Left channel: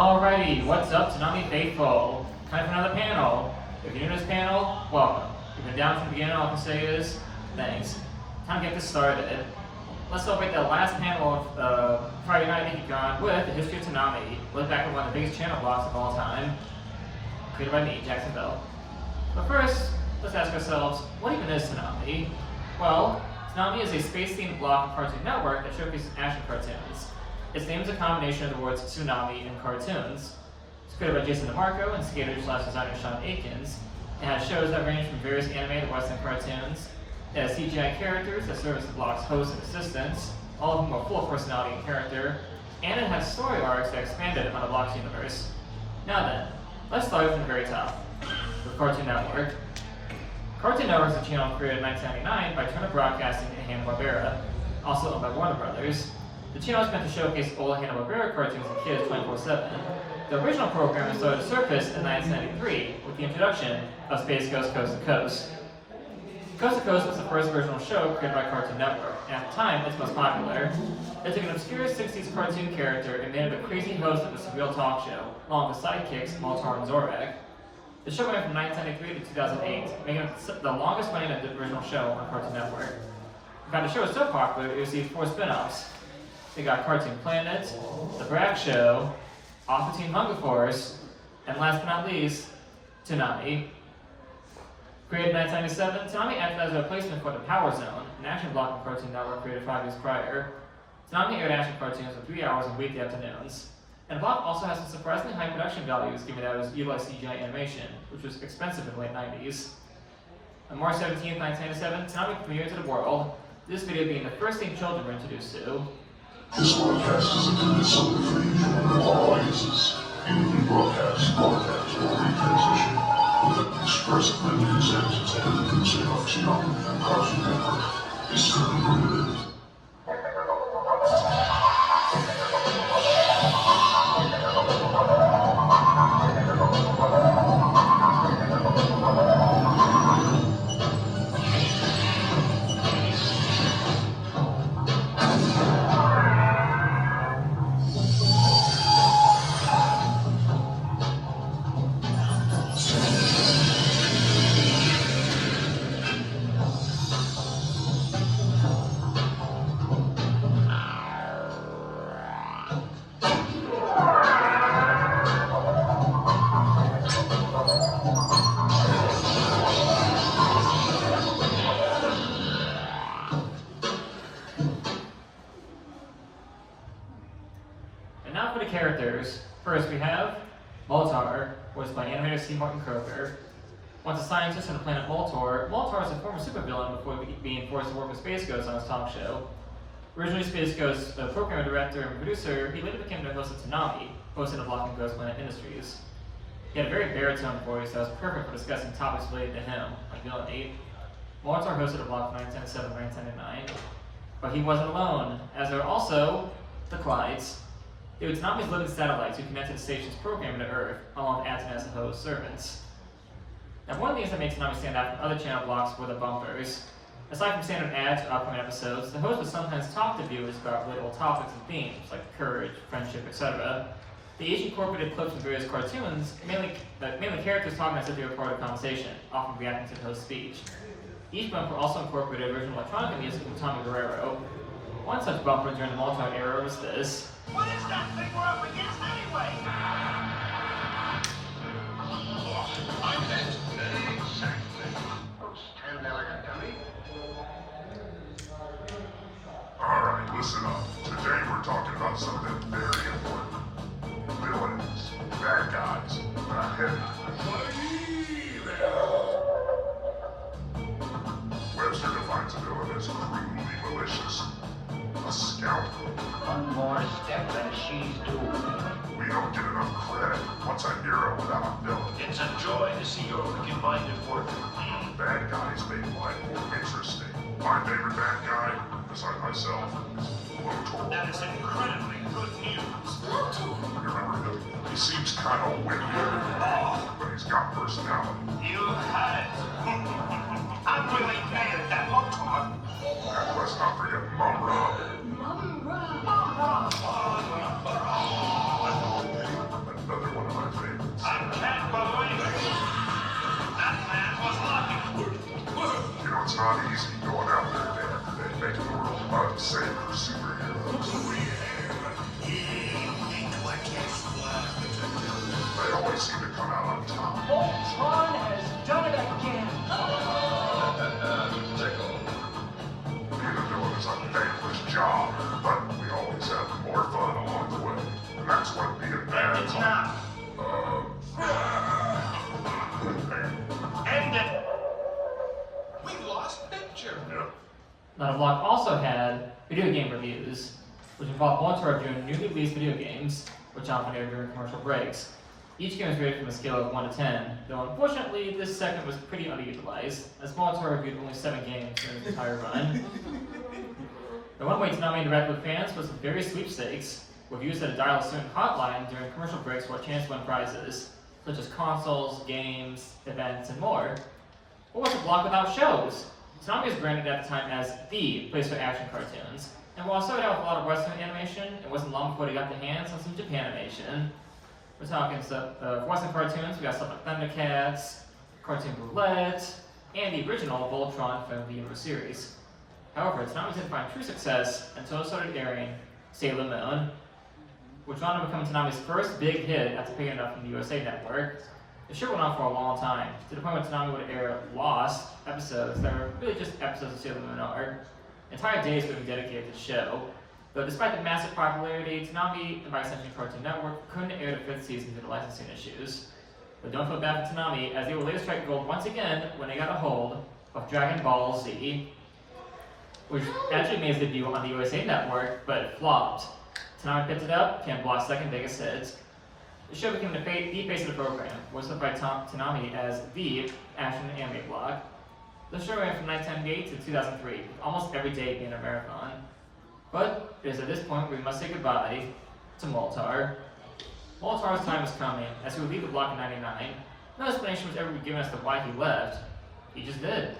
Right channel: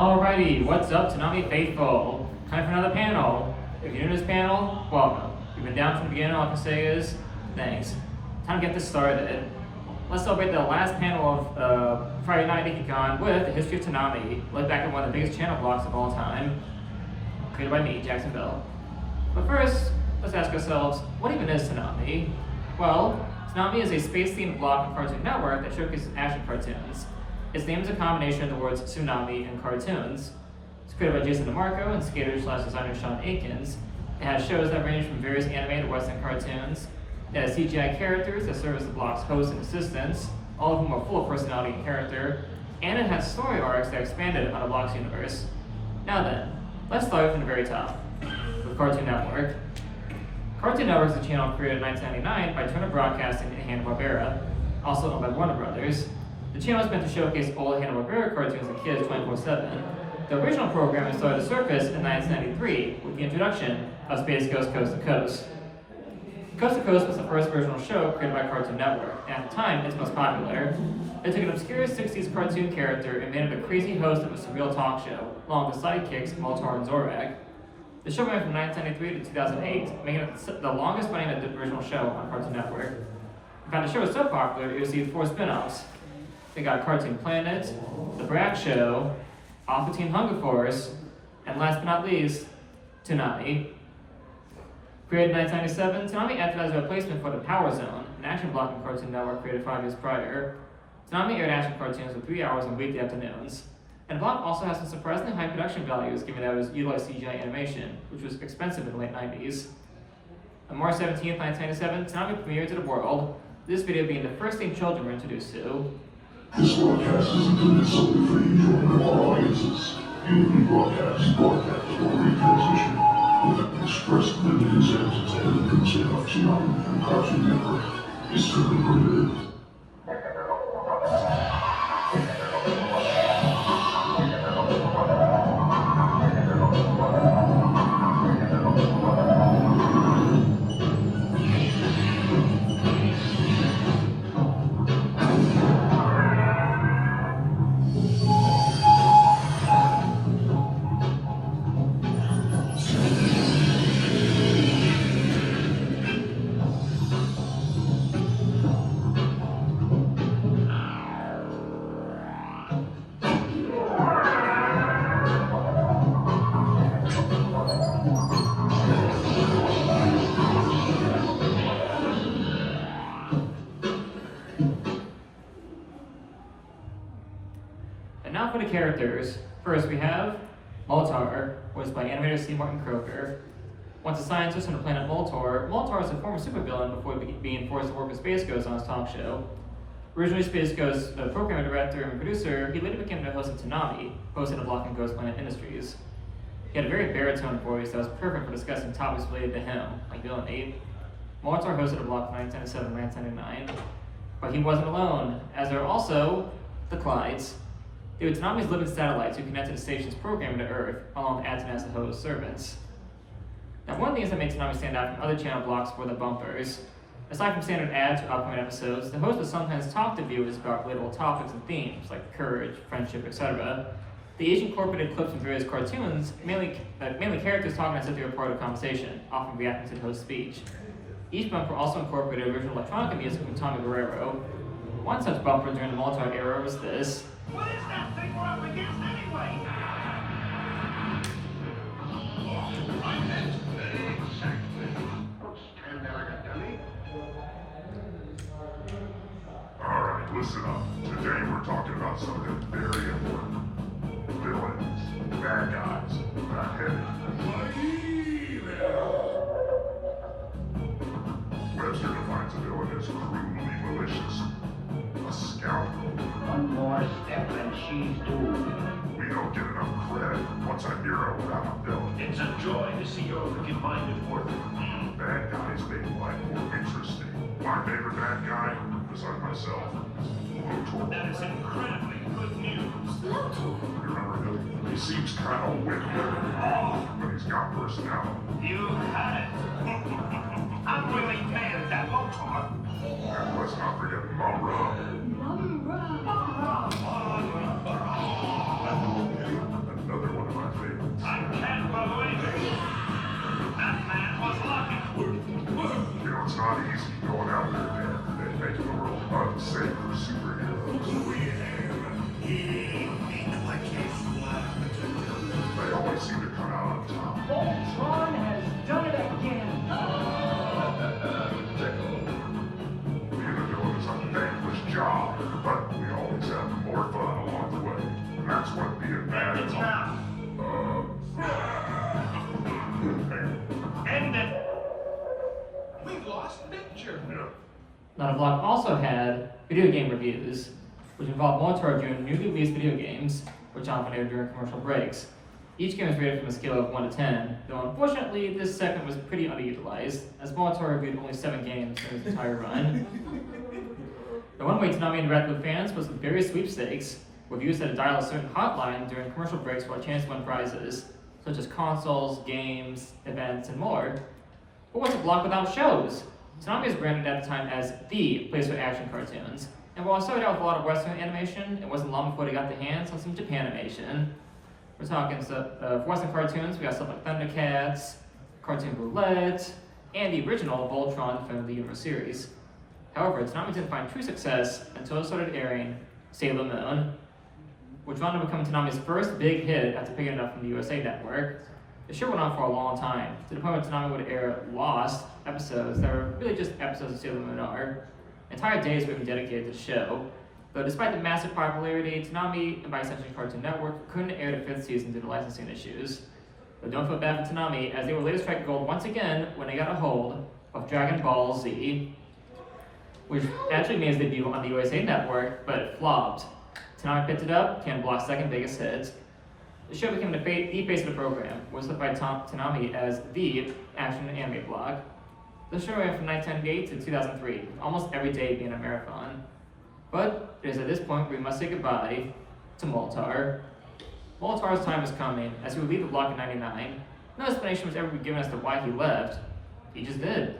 Alrighty, what's up, Toonami faithful? Time for another panel. If you're new to this panel, welcome. If you've been down from the beginning, all I can say is thanks. Time to get this started. Let's celebrate the last panel of Friday Night Ikkicon with the history of Toonami. Look back at one of the biggest channel blocks of all time, created by me, Jacksonville. But first, let's ask ourselves, what even is Toonami? Well, Toonami is a space-themed block of Cartoon Network that showcases action cartoons. Its name is a combination of the words tsunami and cartoons. It's created by Jason DeMarco and skater/designer Sean Aikens. It has shows that range from various animated Western cartoons. It has CGI characters that serve as the block's hosts and assistants, all of whom are full of personality and character. And it has story arcs that expanded on the block's universe. Now then, let's start from the very top, with Cartoon Network. Cartoon Network is a channel created in 1999 by Turner Broadcasting and Hanna-Barbera, also owned by Warner Brothers. The channel is meant to showcase old Hanna-Barbera cartoons to kids 24/7. The original programming started to surface in 1993 with the introduction of Space Ghost Coast to Coast. Coast to Coast was the first original show created by Cartoon Network, and at the time, its most popular. It took an obscure 60s cartoon character and made him a crazy host of a surreal talk show, along with sidekicks Motar and Zorak. The show ran from 1993 to 2008, making it the longest running original show on Cartoon Network. In fact, the show was so popular, it received 4 spin-offs. We got Cartoon Planet, The Brak Show, Aqua Teen Hunger Force, and last but not least, Toonami. Created in 1997, Toonami acted as a replacement for the Power Zone, an action block on Cartoon Network created 5 years prior. Toonami aired action cartoons for 3 hours on weekday afternoons. And the block also has some surprisingly high production values given that it was utilized CGI animation, which was expensive in the late 90s. On March 17, 1997, Toonami premiered to the world, this video being the first thing children were introduced to. This broadcast is intended solely for the enjoyment of all audiences. Any rebroadcast, broadcast, or retransmission without express and consent of the usage of Toonami and Cartoon Network is strictly prohibited. And now for the characters. First we have Motar, voiced by animator C. Martin Croker. Once a scientist on the planet Moltor, Moltar is a former supervillain before being forced to work with Space Ghost on his talk show. Originally Space Ghost's programmer, director, and producer, he later became the host of Toonami, hosted at Block and Ghost Planet Industries. He had a very baritone voice that was perfect for discussing topics related to him, like villainy. Moltar hosted a block from 1997 to 1999. But he wasn't alone, as there are also the Clydes. They were Toonami's living satellites who connected the station's programming to Earth, along with acting as the host servants. Now, one of the things that made Toonami stand out from other channel blocks were the bumpers. Aside from standard ads for upcoming episodes, the host would sometimes talk to viewers about relatable topics and themes, like courage, friendship, etc. They each incorporated clips from various cartoons, mainly characters talking as if they were part of the conversation, often reacting to the host's speech. Each bumper also incorporated original electronic music from Tommy Guerrero. One such bumper during the Moltar era was this. What is that thing we're up against anyway? Exactly. Don't stand there like a dummy. Alright, listen up. Today we're talking about something very important. Villains, bad guys, not heavy. Webster defines a villain as crudely malicious. A scoundrel. One more step and she's doomed. We don't get enough credit for what's a hero without a villain. It's a joy to see your wicked-minded work. Bad guys make life more interesting. My favorite bad guy, besides myself, is Motor. That is incredibly good news. You remember him? He seems kind of wicked, but he's got personality. You had it. I'm really mad at that Motor. And let's not forget Mumra. The It's now. End it. We've lost picture. Yeah. Now, the blog also had video game reviews, which involved Molitor reviewing newly released video games, which often aired during commercial breaks. Each game was rated from a scale of 1 to 10, though unfortunately this segment was pretty underutilized, as Molitor reviewed only 7 games in its entire run. The one way Toonami interacted with fans was with various sweepstakes, with users had to dial a certain hotline during commercial breaks for a chance to win prizes, such as consoles, games, events, and more. What was a blog without shows? Toonami was branded at the time as the place for action cartoons, and while it started out with a lot of Western animation, it wasn't long before they got their hands on some Japan animation. We're talking for Western cartoons, we got stuff like Thundercats, Cartoon Roulette, and the original Voltron from the Universe series. However, Toonami didn't find true success until it started airing Sailor Moon, which wound up becoming Toonami's first big hit after picking it up from the USA Network. The show went on for a long time, to the point where Toonami would air lost episodes that are really just episodes of Sailor Moon are. Entire days would be dedicated to the show. But despite the massive popularity, Toonami and by extension Cartoon Network couldn't air the 5th season due to licensing issues. But don't feel bad for Toonami, as they would later strike gold once again when they got a hold of Dragon Ball Z, which actually made its debut on the USA Network, but it flopped. Toonami picked it up, became the blog's second biggest hit. The show became the face of the program, was hosted by Toonami as the action anime blog. The show ran from 1998 to 2003, with almost every day being a marathon. But it is at this point we must say goodbye to Molitor. Molitor's time is coming, as he would leave the blog in '99. No explanation was ever given as to why he left. He just did.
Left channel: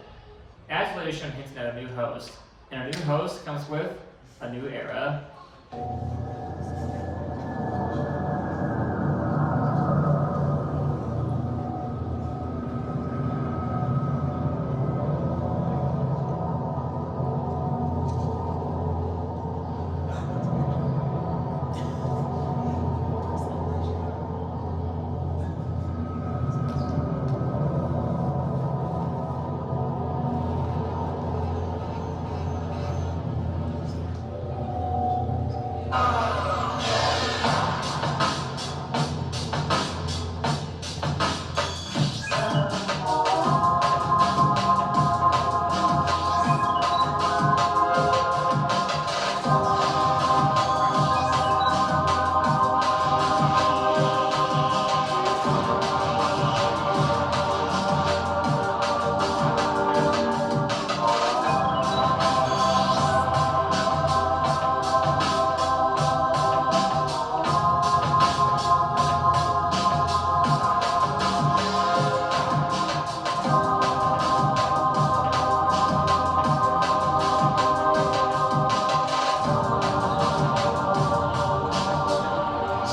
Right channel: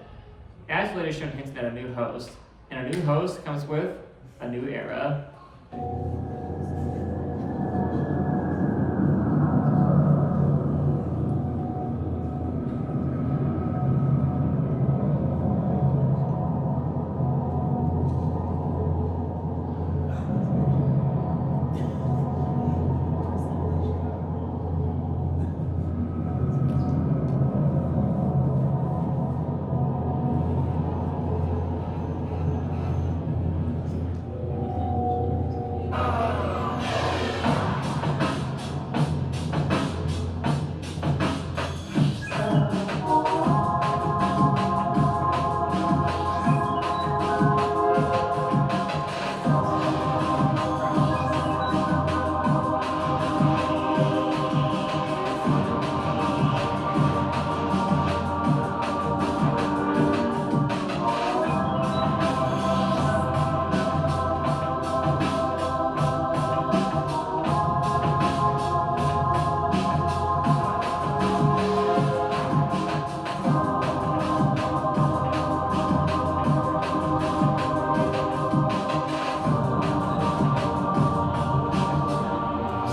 As later shown hinted at a new host, and a new host comes with a new era.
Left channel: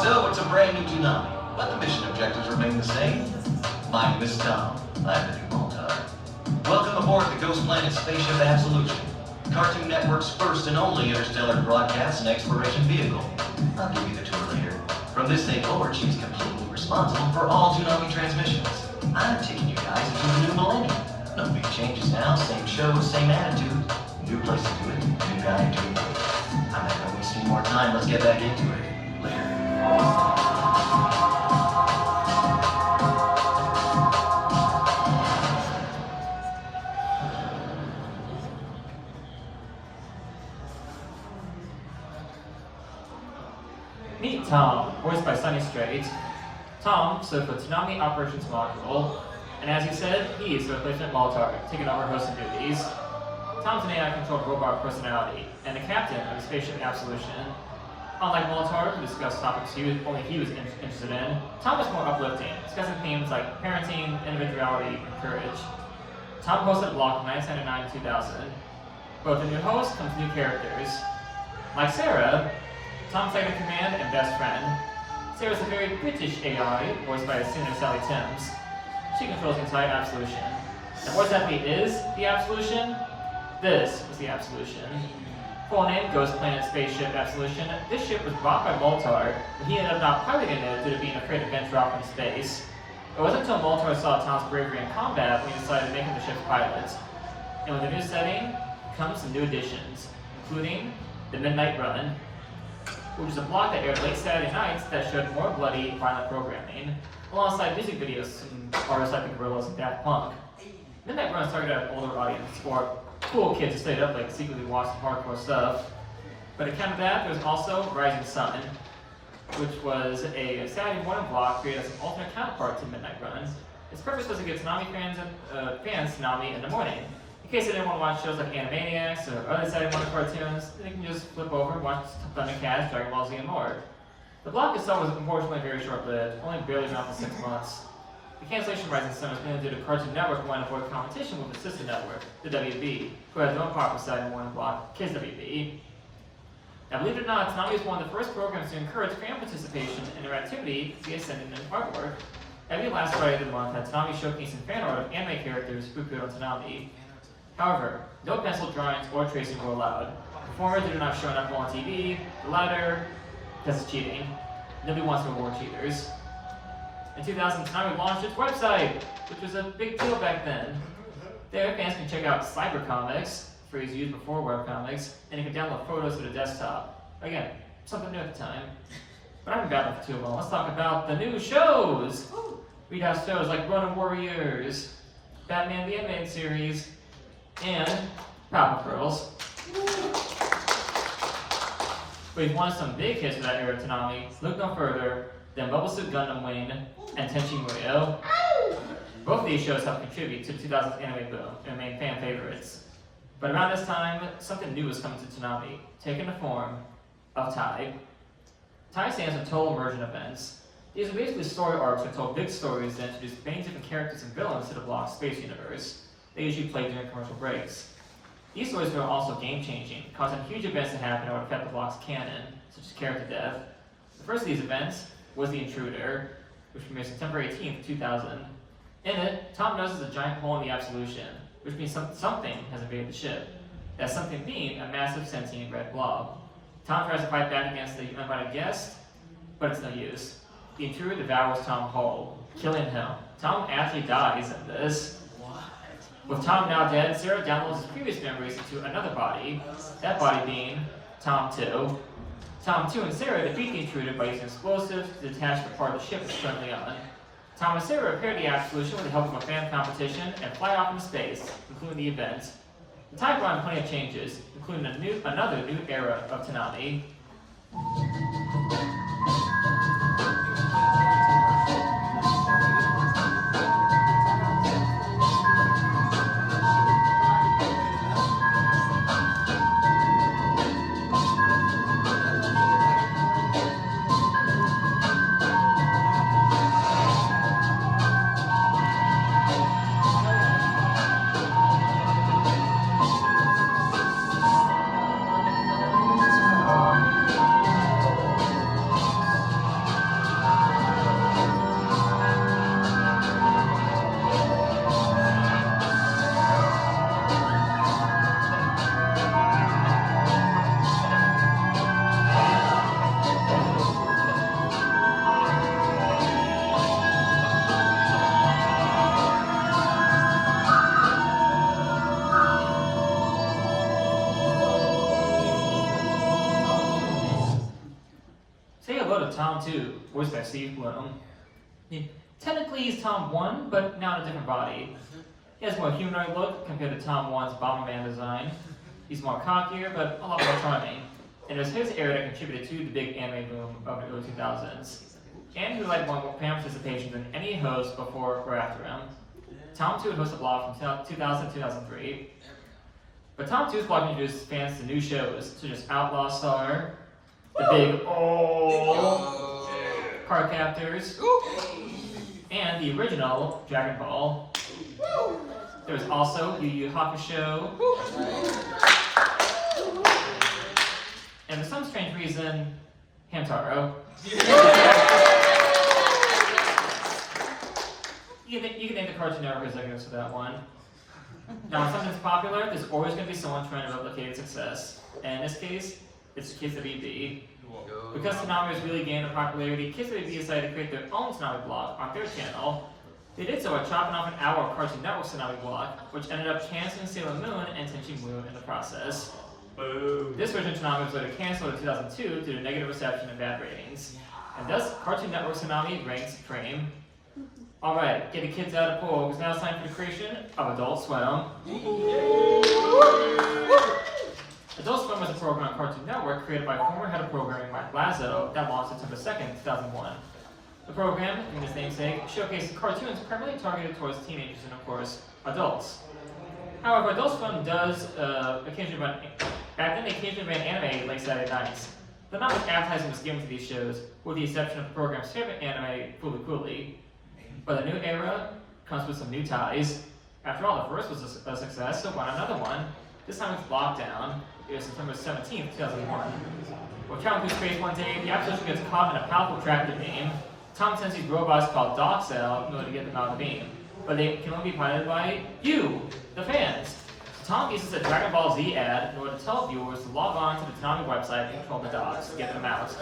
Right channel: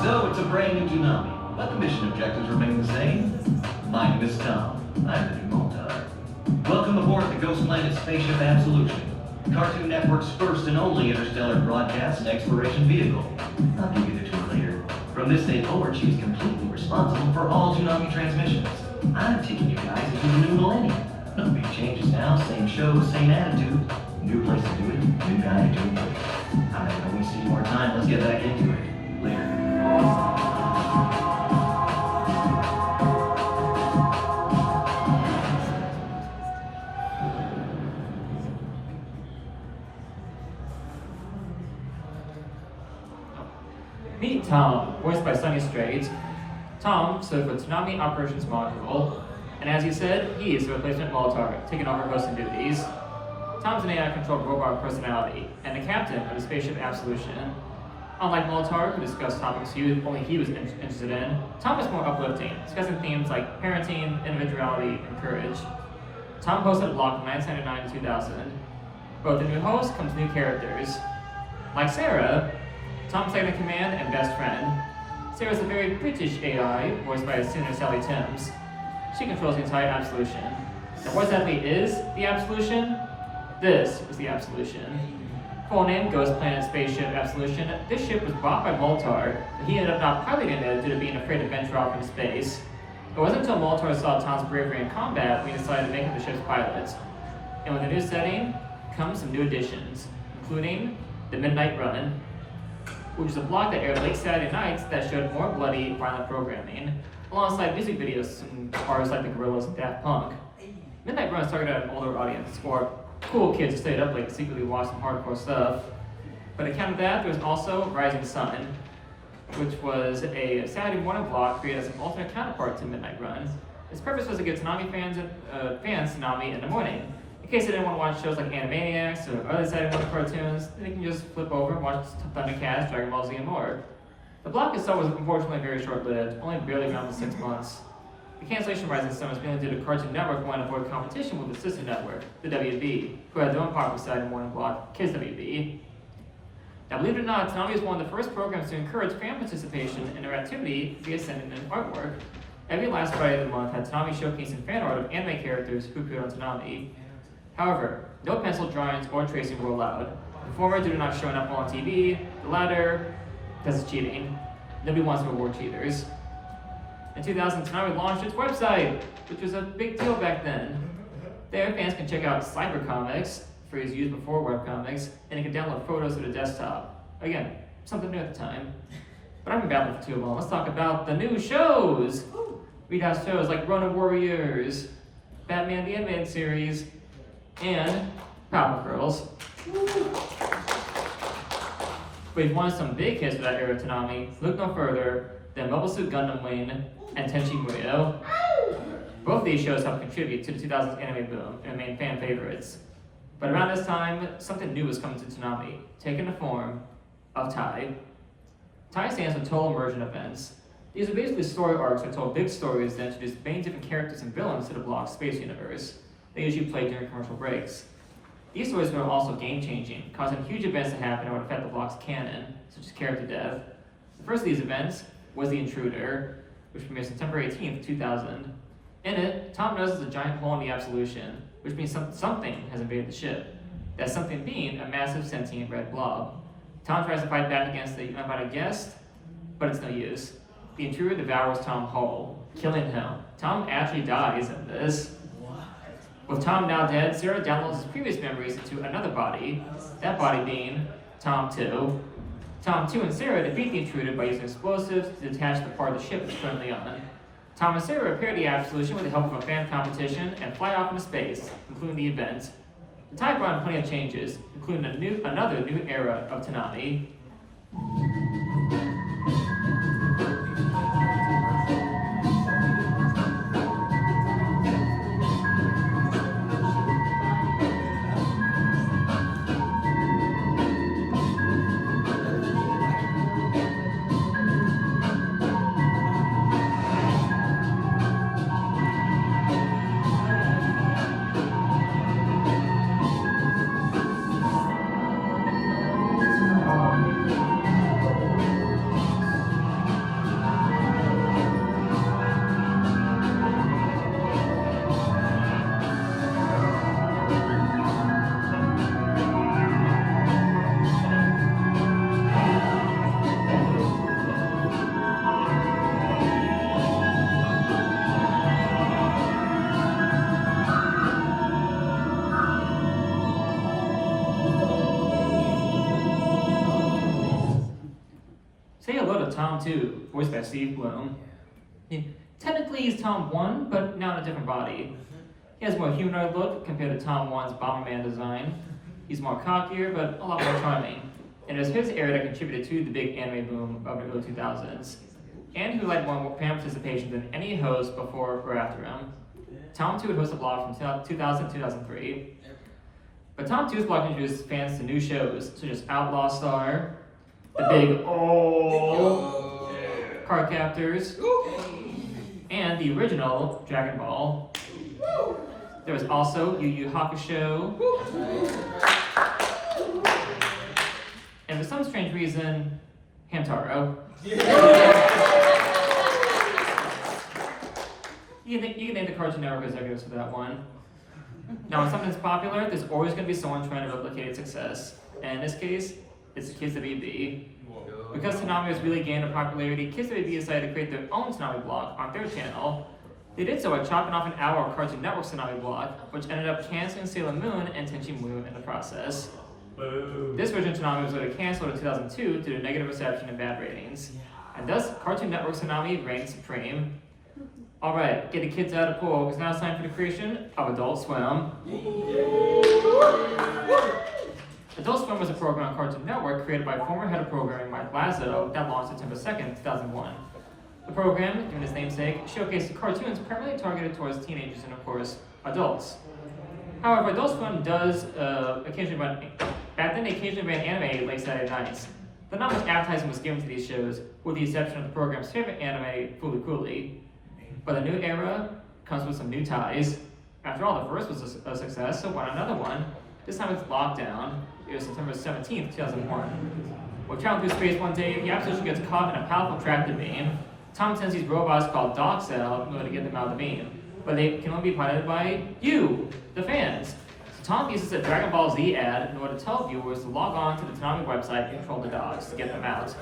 So it's a brand new Toonami, but the mission objectives remain the same. Find Miss Tom, I'm the new Molitor. Welcome aboard the Ghost Planet Spaceship Absolution, Cartoon Network's first and only interstellar broadcast and exploration vehicle. I'll give you the tour later. From this day forward, she's completely responsible for all Toonami transmissions. I'm taking you guys into the new millennium. No big changes now, same show, same attitude. New place to do it, new guy doing it. I'm not gonna waste any more time, let's get back into it. Later. Meet Tom, voiced by Sonny Strait. Tom stood for Toonami Operations Module, and as he said, he is the replacement Molitor, taking over hosting duties. Tom's an AI-controlled robot personality, and the captain of the Spaceship Absolution. Unlike Molitor, who discussed topics only he was interested in, Tom is more uplifting, discussing themes like parenting, individuality, and courage. Tom hosted a blog from 1999 to 2000. Both the new host comes new characters. Like Sarah, Tom's second in command and best friend. Sarah's a very British AI, voiced by singer Sally Timms. She controls the entire Absolution. And what exactly is the Absolution? This was the Absolution. Full name, Ghost Planet Spaceship Absolution. This ship was bought by Molitor, but he ended up not piloting it due to being afraid to venture off into space. It wasn't until Molitor saw Tom's bravery in combat when he decided to make him the ship's pilot. And with the new setting comes some new additions, including the Midnight Run. which was a block that aired late Saturday nights that showed more bloody, violent programming, alongside music videos from artists like the Gorillaz and Daft Punk. Midnight Run started at an older audience, or cool kids who stayed up late and secretly watched some hardcore stuff. But account of that, there was also Rising Sun, which was a Saturday morning block created as an alternate counterpart to Midnight Run. Its purpose was to get Toonami fans Toonami in the morning. In case they didn't want to watch shows like Animaniacs or other Saturday morning cartoons, then you can just flip over and watch Thundercats, Dragon Ball Z, and more. The block itself was unfortunately very short-lived, only barely around 6 months. The cancellation of Rising Sun was mainly due to Cartoon Network wanting to avoid competition with the sister network, the WB, who had their own popular Saturday morning block, Kids WB. Now, believe it or not, Toonami was one of the first programs to encourage fan participation and interactivity via sending in artwork. Every last Friday of the month had Toonami showcasing fan art of anime characters who appeared on Toonami. However, no pencil drawings or tracing were allowed. The former due to not showing up on TV, the latter because it's cheating. Nobody wants to reward cheaters. In 2000, Toonami launched its website, which was a big deal back then. There, fans can check out Cyber Comics, phrase used before webcomics, and you can download photos to the desktop. Again, something new at the time. But I've been babbling for too long. Let's talk about the new shows. We have shows like Ronin Warriors, Batman the Animated Series, and Powerpuff Girls. But if you wanted some big hits for that era of Toonami, look no further than Mobile Suit Gundam Wing and Tenchi Muyo. Both of these shows helped contribute to the 2000s anime boom and remain fan favorites. But around this time, something new was coming to Toonami, taking the form of Tai. Tai stands for Total Immersion Events. These are basically story arcs that told big stories that introduced many different characters and villains to the block's space universe. They usually played during commercial breaks. These stories were also game-changing, causing huge events to happen that would affect the block's canon, such as character death. The first of these events was The Intruder, which premiered September 18th, 2000. In it, Tom notices a giant hole in the Absolution, which means something has invaded the ship. That something being a massive sentient red blob. Tom tries to fight back against the uninvited guest, but it's no use. The intruder devours Tom whole, killing him. Tom actually dies in this. With Tom now dead, Zero downloads his previous memories into another body, that body being Tom 2. Tom 2 and Sarah defeat the intruder by using explosives to detach the part of the ship it's currently on. Tom and Sarah repair the Absolution with the help of a fan competition and fly off into space, including the event. The time brought plenty of changes, including another new era of Toonami. Say hello to Tom 2, voiced by Steve Bloom. Technically he's Tom 1, but now in a different body. He has a more humanoid look compared to Tom 1's Bomberman design. He's more cockier, but a lot more charming. And it was his era that contributed to the big anime boom of the early 2000s. And he led more fan participation than any host before or after him. Tom 2 would host a blog from 2000 to 2003. But Tom 2's blog introduced fans to new shows, such as Outlaw Star, the big Card Captors, and the original Dragon Ball. There was also Yu Yu Hakusho, and for some strange reason, Hamtaro. You can name the Cartoon Network executives for that one. Now, when something's popular, there's always going to be someone trying to replicate its success. And in this case, it's Kids WB. Because Toonami was really gaining popularity, Kids WB decided to create their own Toonami blog on their channel. They did so by chopping off an hour of Cartoon Network's Toonami blog, which ended up canceling Sailor Moon and Tenchi Muyo in the process. Boo. This version of Toonami was later canceled in 2002 due to negative reception and bad ratings. And thus, Cartoon Network's Toonami reigned supreme. Alright, get the kids out of pool, because now it's time for the creation of Adult Swim. Adult Swim was a program on Cartoon Network created by former head of programming Mike Lazo that launched September 2nd, 2001. The program, given its namesake, showcased cartoons primarily targeted towards teenagers and, of course, adults. However, Adult Swim does occasionally run, back then they occasionally ran anime late Saturday nights. But not much advertising was given to these shows, with the exception of the program's favorite anime, Fooly Cooly. But the new era comes with some new ties. After all, the first was a success, so why not another one? This time it's Lockdown. It was September 17th, 2001. When traveling through space one day, the absolution gets caught in a powerful tractor beam. Tom sends these robots called Docs out in order to get them out of the beam. But they can only be piloted by you, the fans. So Tom uses a Dragon Ball Z ad in order to tell viewers to log on to the Toonami website and control the dogs to get them out.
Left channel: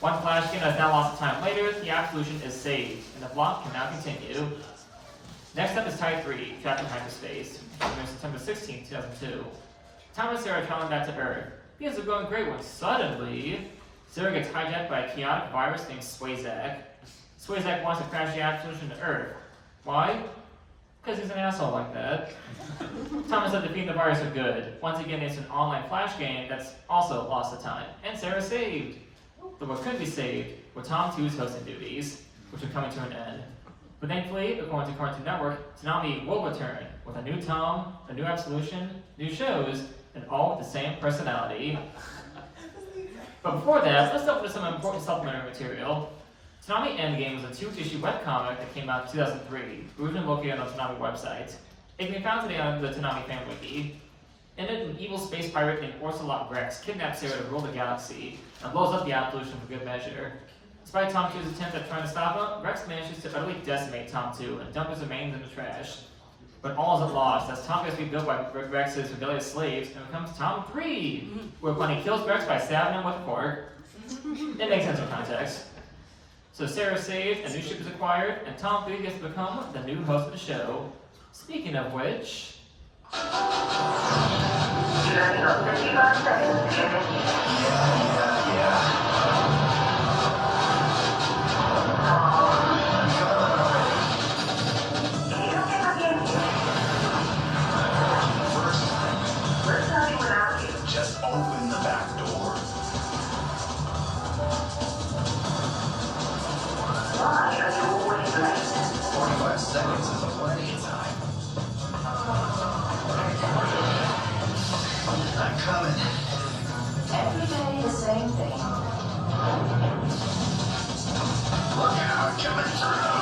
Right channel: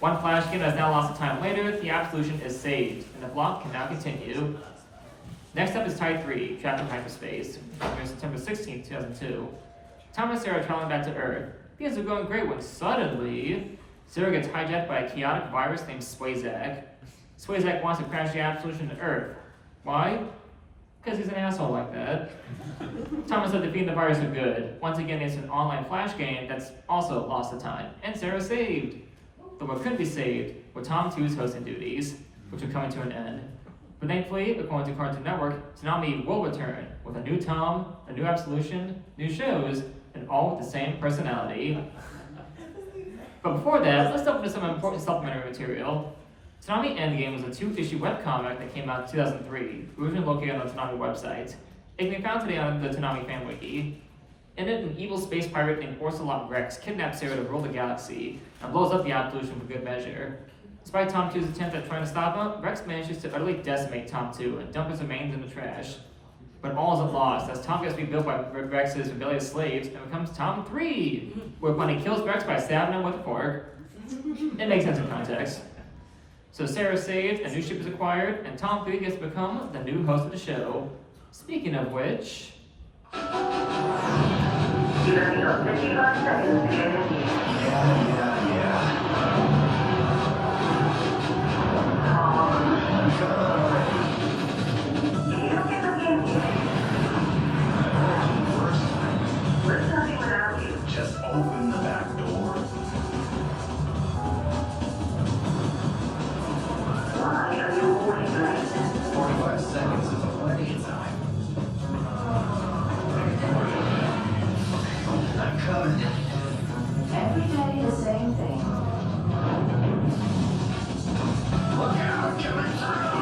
One flash game has now lost of time later, the absolution is saved, and the plot can now continue. Next up is Tie 3, Captain Hyperspace, from September 16th, 2002. Tom and Sarah are traveling back to Earth. Things are going great when suddenly, Sarah gets hijacked by a chaotic virus named Swayzak. Swayzak wants to crash the absolution to Earth. Why? Because he's an asshole like that. Tom is like defeating the virus for good. Once again, it's an online flash game that's also lost of time. And Sarah's saved. But what could be saved were Tom 2's hosting duties, which are coming to an end. But thankfully, according to Cartoon Network, Toonami will return with a new Tom, a new absolution, new shows, and all with the same personality. But before that, let's delve into some important supplementary material. Toonami Endgame was a 2-issue webcomic that came out in 2003, originally located on the Toonami website. It can be found today on the Toonami fan wiki. In it, an evil space pirate named Orcelot Rex kidnaps Sarah to rule the galaxy and blows up the absolution for good measure. Despite Tom 2's attempt at trying to stop him, Rex manages to utterly decimate Tom 2 and dump his remains in the trash. But all isn't lost, as Tom gets rebuilt by Rex's rebellious slaves and becomes Tom 3, where Bunny kills Rex by stabbing him with a fork. It makes sense in context. So Sarah's saved, a new ship is acquired, and Tom 3 gets to become the new host of the show. Speaking of which... Just open the back door. Why are you always late? 45 seconds is plenty of time. I'm coming. Every day the same thing. Look out, coming through.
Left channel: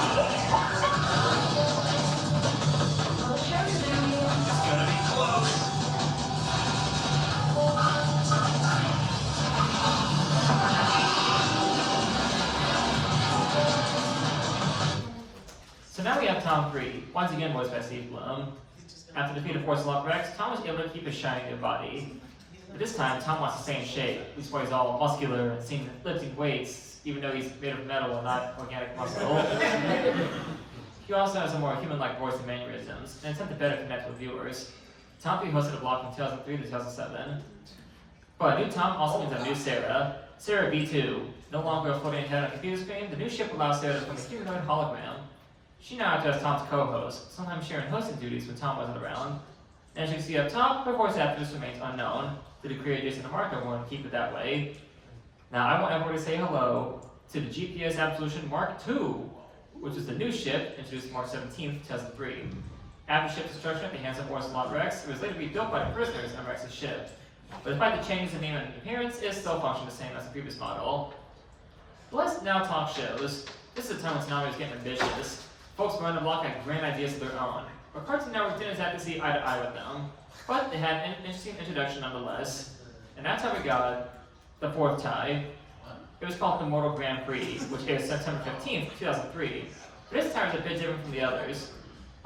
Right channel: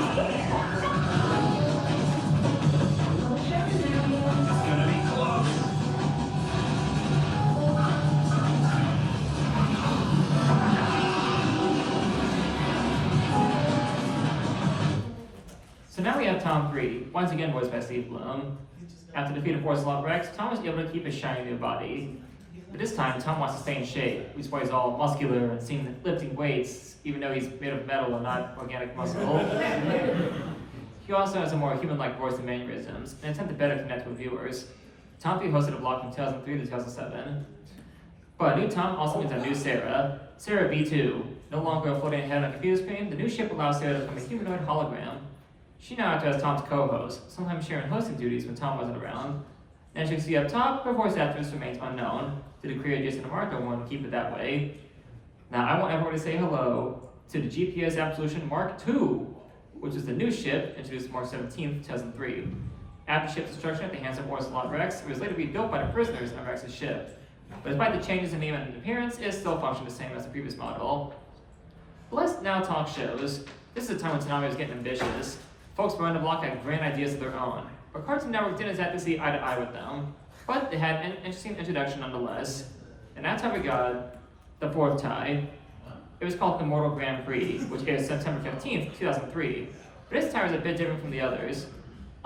It's gonna be close. So now we have Tom 3, once again voiced by Steve Bloom. After defeating Orcelot Rex, Tom was able to keep his shiny new body. But this time, Tom wants to stay in shape, which is why he's all muscular and seen lifting weights, even though he's made of metal and not organic muscle. He also has a more human-like voice and mannerisms, in an attempt to better connect with viewers. Tom 3 hosted a block from 2003 to 2007. But new Tom also means a new Sarah, Sarah B2. No longer a floating head on a computer screen, the new ship allows Sarah to become a humanoid hologram. She now acts as Tom's co-host, sometimes sharing hosting duties when Tom wasn't around. And as you can see up top, her voice actress remains unknown. Did the creator Jason DeMarco want to keep it that way? Now I want everyone to say hello to the GPS Absolution Mark II, which is the new ship introduced March 17th, 2003. After ship destruction at the hands of Orcelot Rex, it was later rebuilt by the prisoners on Rex's ship. But despite the changes in name and appearance, it still functioned the same as the previous model. But let's now talk shows. This is a time when Toonami was getting ambitious. Folks around the block had grand ideas of their own, but Cartoon Network didn't exactly see eye to eye with them. But they had an interesting introduction nonetheless. And that's how we got the fourth tie. It was called Immortal Grand Prix, which aired September 15th, 2003. But this tie is a bit different from the others.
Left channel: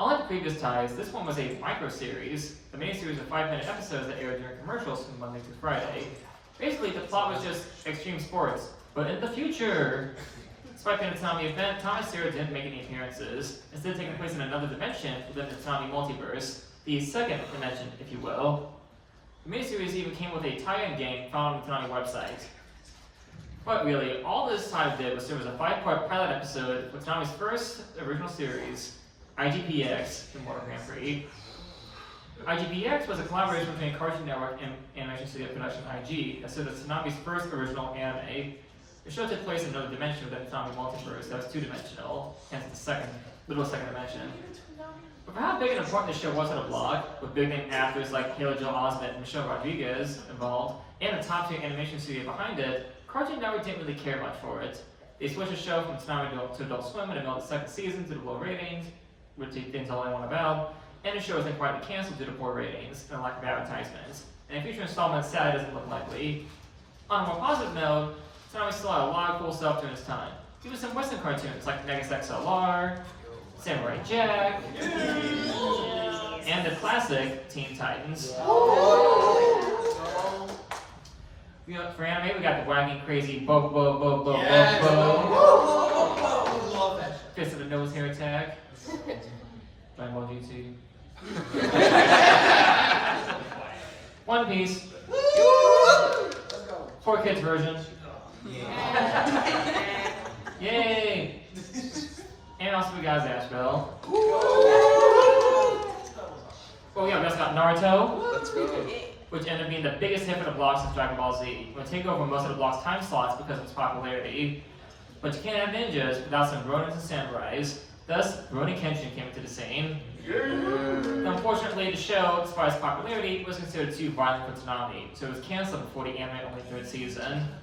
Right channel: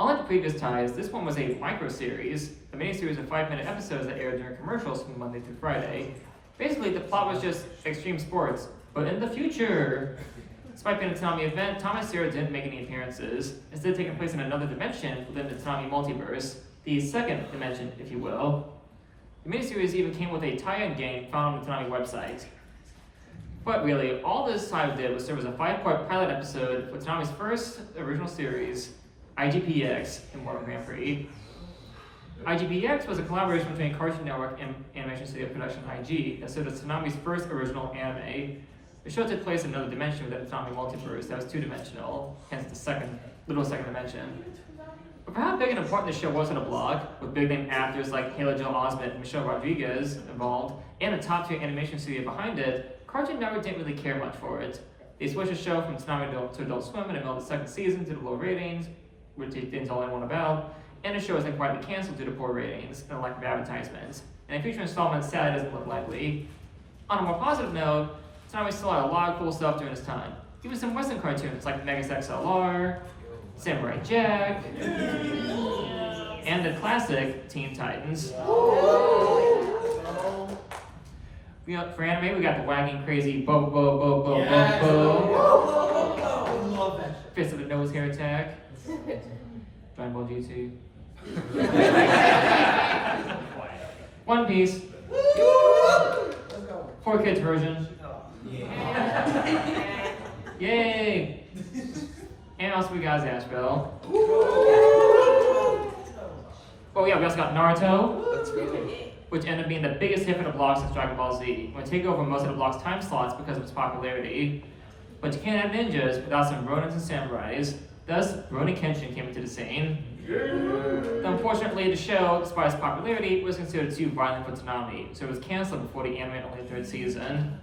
Unlike the previous ties, this one was a micro-series, the main series of 5-minute episodes that aired during commercials from Monday through Friday. Basically, the plot was just extreme sports, but in the future. Despite being a Toonami event, Tom and Sarah didn't make any appearances, instead taking place in another dimension within the Toonami multiverse, the second dimension, if you will. The miniseries even came with a tie-in game found on the Toonami website. But really, all this time did was serve as a 5-part pilot episode for Toonami's first original series, IGPX, in World Grand Prix. IGPX was a collaboration between Cartoon Network and Animation Studio Production IG that served as Toonami's first original anime. The show took place in another dimension within the Toonami multiverse that was two-dimensional, hence the second dimension. But for how big and important the show was on the blog, with big-name actors like Haley Joel Osment and Michelle Rodriguez involved, and the top-tier animation studio behind it, Cartoon Network didn't really care much for it. They switched the show from Toonami to Adult Swim in the middle of the second season due to low ratings, which they didn't tell anyone about, and the show was then quietly canceled due to poor ratings and lack of advertisements. And a future installment sadly doesn't look likely. On a more positive note, Toonami still had a lot of cool stuff during this time. Even some Western cartoons like Megas XLR, Samurai Jack, and the classic Teen Titans. For anime, we got the wagging crazy Bo Bo Bo Bo Bo Bo. Fist of the Nose Hair Attack. Dragon Ball GT. One Piece. 4 kids version. Yay! And also we got Zashbell. Oh yeah, we also got Naruto. Let's go. Which ended up being the biggest hit for the block since Dragon Ball Z. It would take over most of the block's time slots because of its popularity. But you can't have ninjas without some Ronins and Samurais. Thus, Rurouni Kenshin came into the scene. Unfortunately, the show, despite its popularity, was considered too violent for Toonami, so it was canceled before the anime-only 3rd season.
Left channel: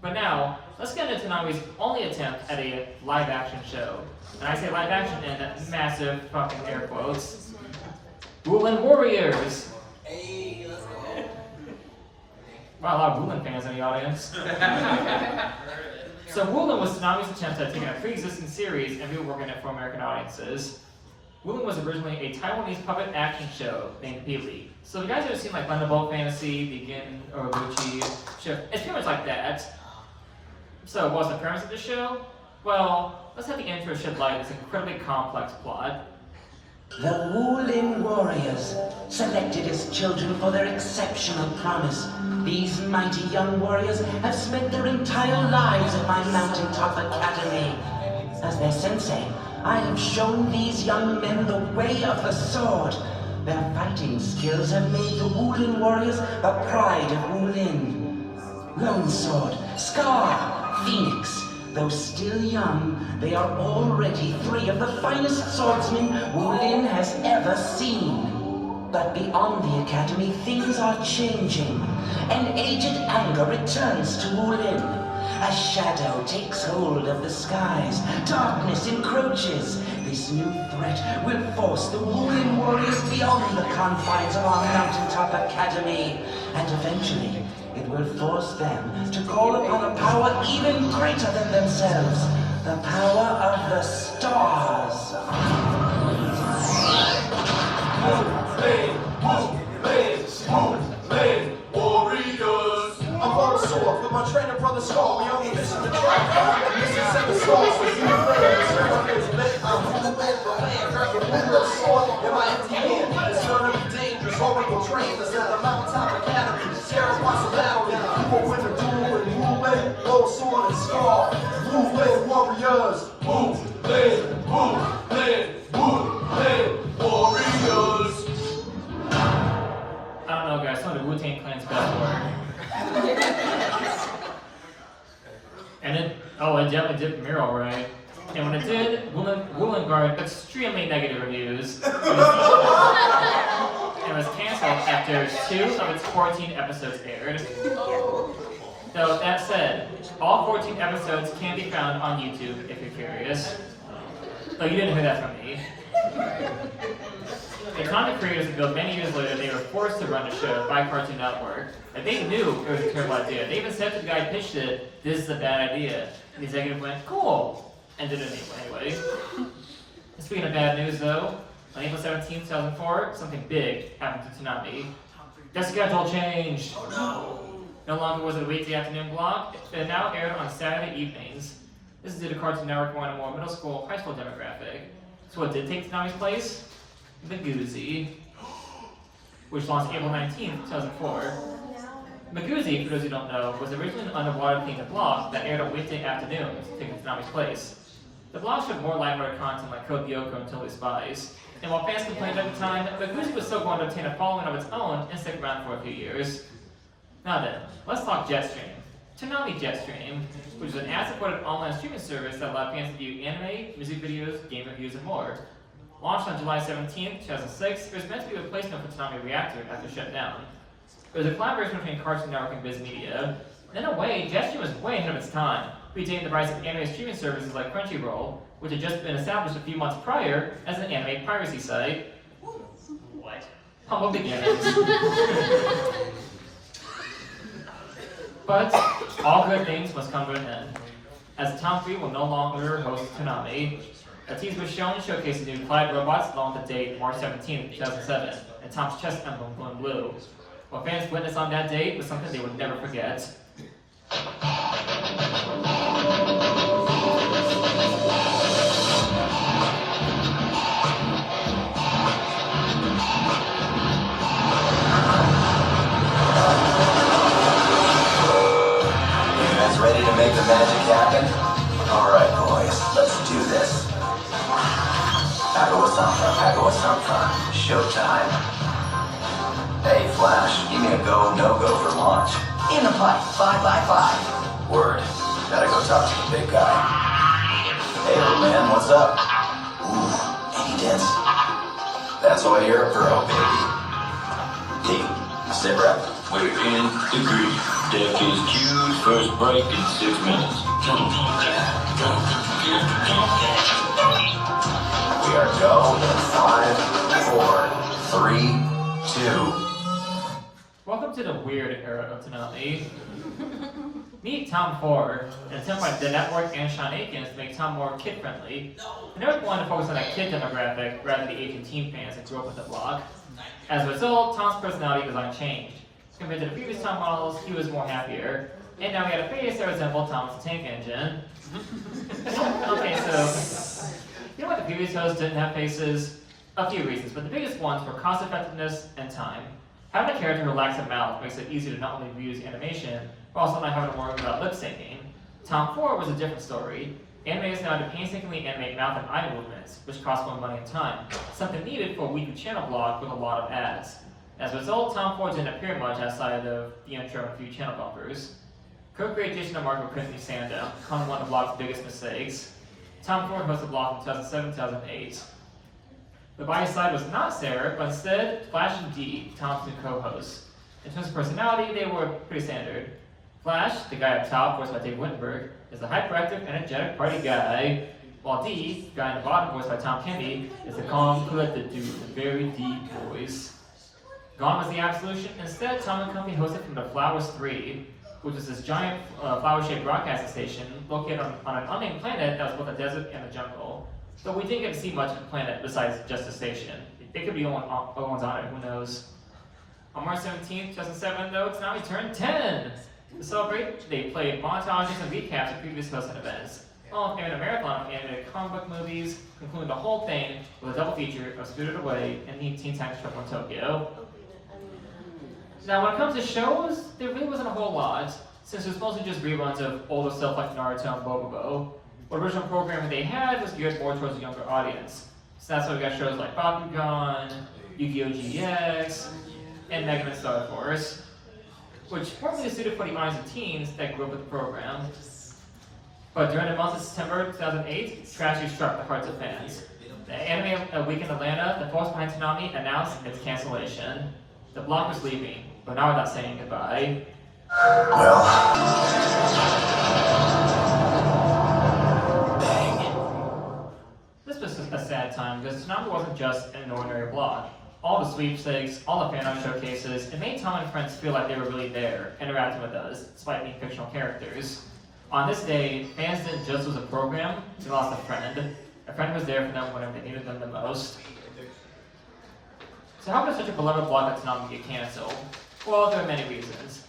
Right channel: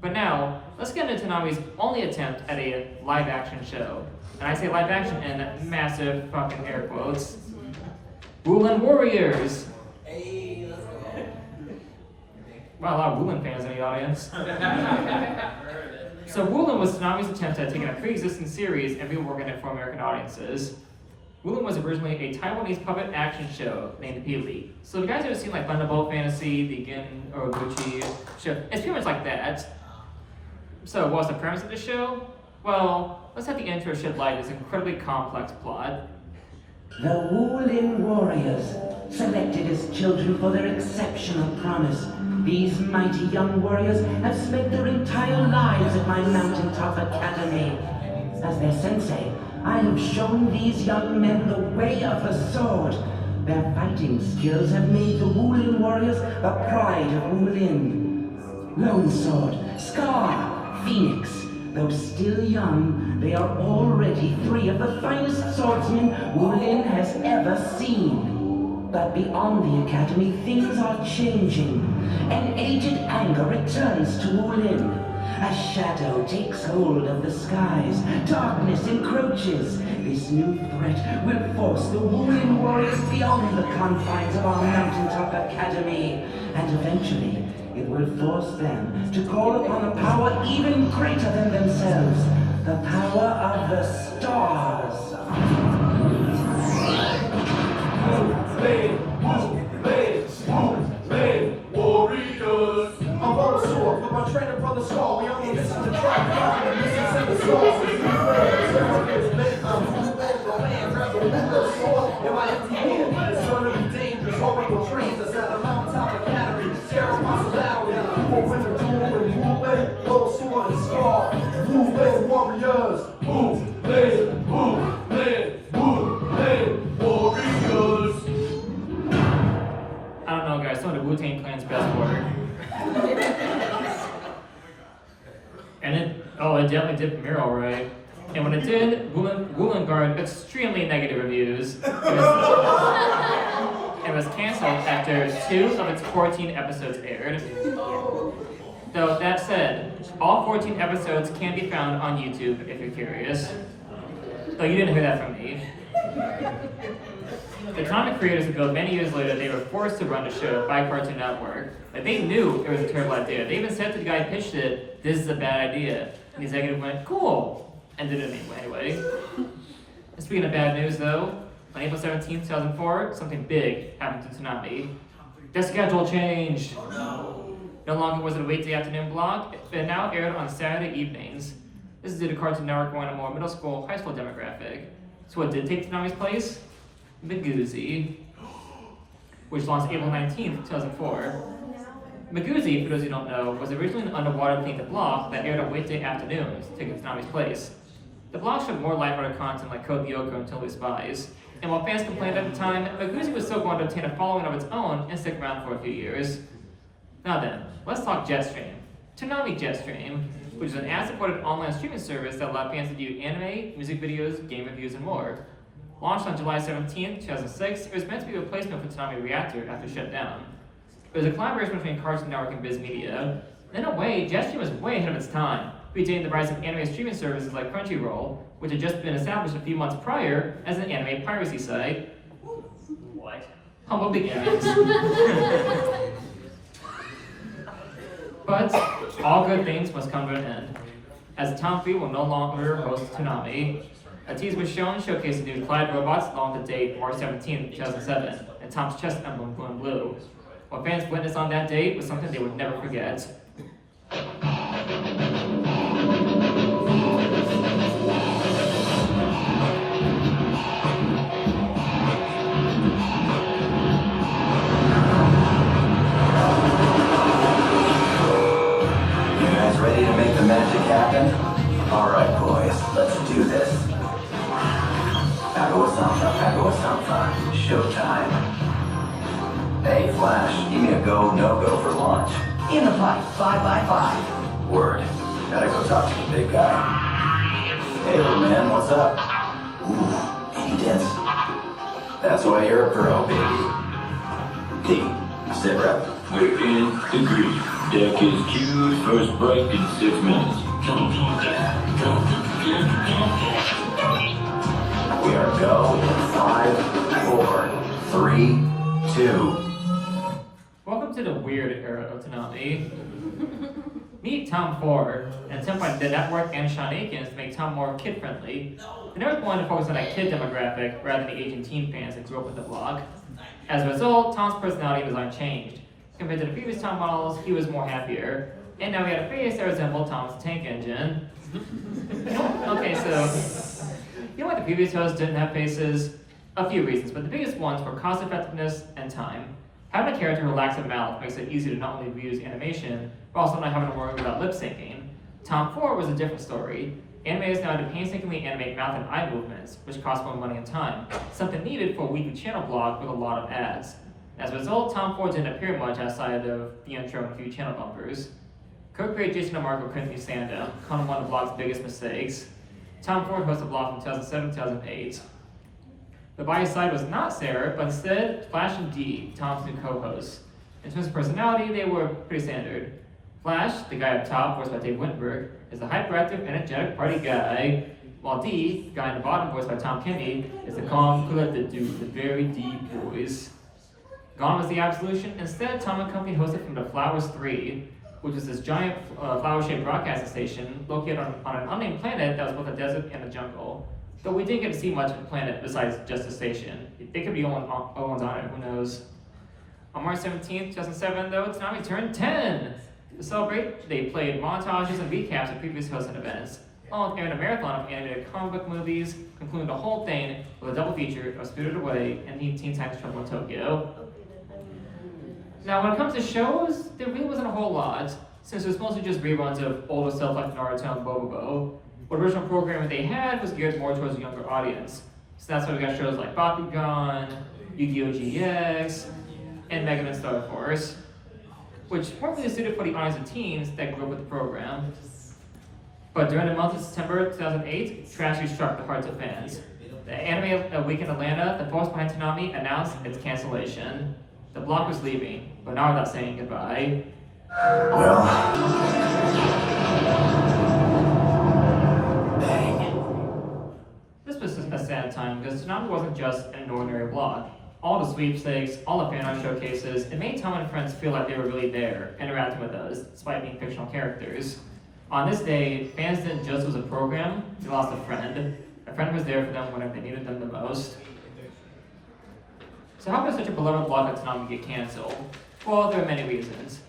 But now, let's get into Toonami's only attempt at a live-action show. And I say live-action in massive fucking air quotes. Woolen Warriors! Hey, let's go. Wow, a lot of Woolen fans in the audience. So Woolen was Toonami's attempt at taking a pre-existing series and reworking it for American audiences. Woolen was originally a Taiwanese puppet action show named Peely. So the guys who have seen like Thunderbolt Fantasy, the Gin or Gucci show, it's pretty much like that. So what was the premise of the show? Well, let's have the intro shed light on this incredibly complex plot. The Wulin Warriors, selected as children for their exceptional promise. These mighty young warriors have spent their entire lives at my mountaintop academy. As their sensei, I have shown these young men the way of the sword. Their fighting skills have made the Wulin Warriors the pride of Wulin. Lone Sword, Scar, Phoenix. Though still young, they are already 3 of the finest swordsmen Wulin has ever seen. But beyond the academy, things are changing. An aged anger returns to Wulin. A shadow takes hold of the skies. Darkness encroaches. This new threat will force the Wulin Warriors beyond the confines of our mountaintop academy. And eventually, it will force them to call upon a power even greater than themselves. The power of the stars. Warriors. I'm on the sword with my trainer brother Skull. We on the mission to try. This is 7 stars. I'm from the bed, the land, I'm the sword. If I am here, it's gonna be dangerous. Oracle trains us at the mountaintop academy. Sarah wants a battle. People win the duel and move away. Gold sword and scar. Move away, warriors. Move away, move away, move away, warriors. I don't know guys, some of the Wu-Tang Clan's best work. And it definitely did premiere alright. And when it did, Woolen garnered extremely negative reviews. It was canceled after 2 of its 14 episodes aired. Though that said, all 14 episodes can be found on YouTube if you're curious. Though you didn't hear that from me. The comic creators revealed many years later they were forced to run the show by Cartoon Network. And they knew it was a terrible idea. They even said to the guy who pitched it, "This is a bad idea." And the executive went, "Cool," and did it anyway. And speaking of bad news though, on April 17, 2004, something big happened to Toonami. The schedule changed. No longer was it a weekday afternoon block, it now aired on Saturday evenings. This is due to Cartoon Network wanting a more middle school, high school demographic. So what did take Toonami's place? The Goozy. which launched April 19th, 2004. Maguzi, for those who don't know, was originally an underwater-themed block that aired on weekday afternoons, taking Toonami's place. The block showed more lighthearted content like Code Lyoko and Totally Spies, and while fans complained at the time, Maguzi was still going to obtain a following of its own and stick around for a few years. Now then, let's talk Jetstream. Toonami Jetstream, which is an ad-supported online streaming service that allowed fans to view anime, music videos, game reviews, and more. Launched on July 17, 2006, it was meant to be a replacement for Toonami Reactor after shut down. It was a collaboration between Cartoon Network and Viz Media. In a way, Jetstream was way ahead of its time, predating the rise of anime streaming services like Crunchyroll, which had just been established a few months prior as an anime piracy site. What? Humble beginnings. But all good things must come to an end, as Tom 3 will no longer host Toonami. A teaser was shown showcasing new Clyde robots along the date March 17, 2007, and Tom's chest emblem blue and blue. What fans witnessed on that date was something they would never forget. Ready to make the magic happen? Alright boys, let's do this. Pagawa-sanfa, showtime. Hey Flash, give me a go, no-go for launch. In a fight, 5x5. Word, gotta go talk to the big guy. Hey old man, what's up? Ooh, any dents? That's why you're a pro, baby. D, sit rep. Weekend degree. Deck is queued, first break in 6 minutes. We are go in 5, 4, 3, 2. Welcome to the weird era of Toonami. Meet Tom 4, an attempt by the network and Sean Aikens to make Tom more kid-friendly. The network wanted to focus on a kid demographic rather than the aging teen fans that grew up with the block. As a result, Tom's personality was unchanged. Compared to the previous Tom models, he was more happier. And now we had a face that resembled Tom's tank engine. Okay, so, you know what the previous hosts didn't have faces? A few reasons, but the biggest ones were cost effectiveness and time. Having a character who lacks a mouth makes it easier to not only reuse animation, but also not having to worry about lip syncing. Tom 4 was a different story. Animators now to painstakingly animate mouth and eye movements, which cost more money and time, something needed for a weekly channel blog with a lot of ads. As a result, Tom 4 didn't appear much outside of the intro and a few channel bumpers. Co-creator Jason and Marco couldn't stand him, calling him one of the blog's biggest mistakes. Tom 4 hosted the blog from 2007-2008. The buy side was not Sarah, but instead Flash and Dee, Tom's new co-hosts. In terms of personality, they were pretty standard. Flash, the guy up top, voiced by Dave Wittenberg, is a hyperactive, energetic party guy, while Dee, the guy in the bottom, voiced by Tom Kinney, is the calm, collected dude with a very deep voice. Gone was the absolution. Instead, Tom and company hosted from the Flowers 3, which is this giant flower-shaped broadcasting station located on an unnamed planet that was both a desert and a jungle. But we didn't get to see much of the planet besides just the station. They could be ones on it, who knows. On March 17th, 2007, though, Toonami turned 10! To celebrate, they played montages and recaps of previous hosting events, along with airing a marathon of animated comic book movies, concluding the whole thing with a double feature of Spirited Away and Teen Titans Trouble in Tokyo. Now, when it comes to shows, there really wasn't a whole lot, since it was mostly just reruns of older stuff like Naruto and Bobobo. What original programming they had was geared more towards a younger audience. So that's why we got shows like Bakugan, Yu-Gi-Oh! GX, and Mega Man Star Force, which weren't really suited for the eyes of teens that grew up with the program. But during the month of September 2008, tragedy struck the hearts of fans. The Anime Week in Atlanta, the force behind Toonami, announced its cancellation. The block was leaving, but now we're not saying goodbye. Well, bang. This was a sad time because Toonami wasn't just an ordinary block. All the sweepstakes, all the fan art showcases, it made Tom and friends feel like they were really there, interacting with us, despite being fictional characters. On this day, fans didn't just lose a program, they lost a friend. A friend was there for them whenever they needed them the most. So how could such a beloved block of Toonami get cancelled? Well, there are many reasons.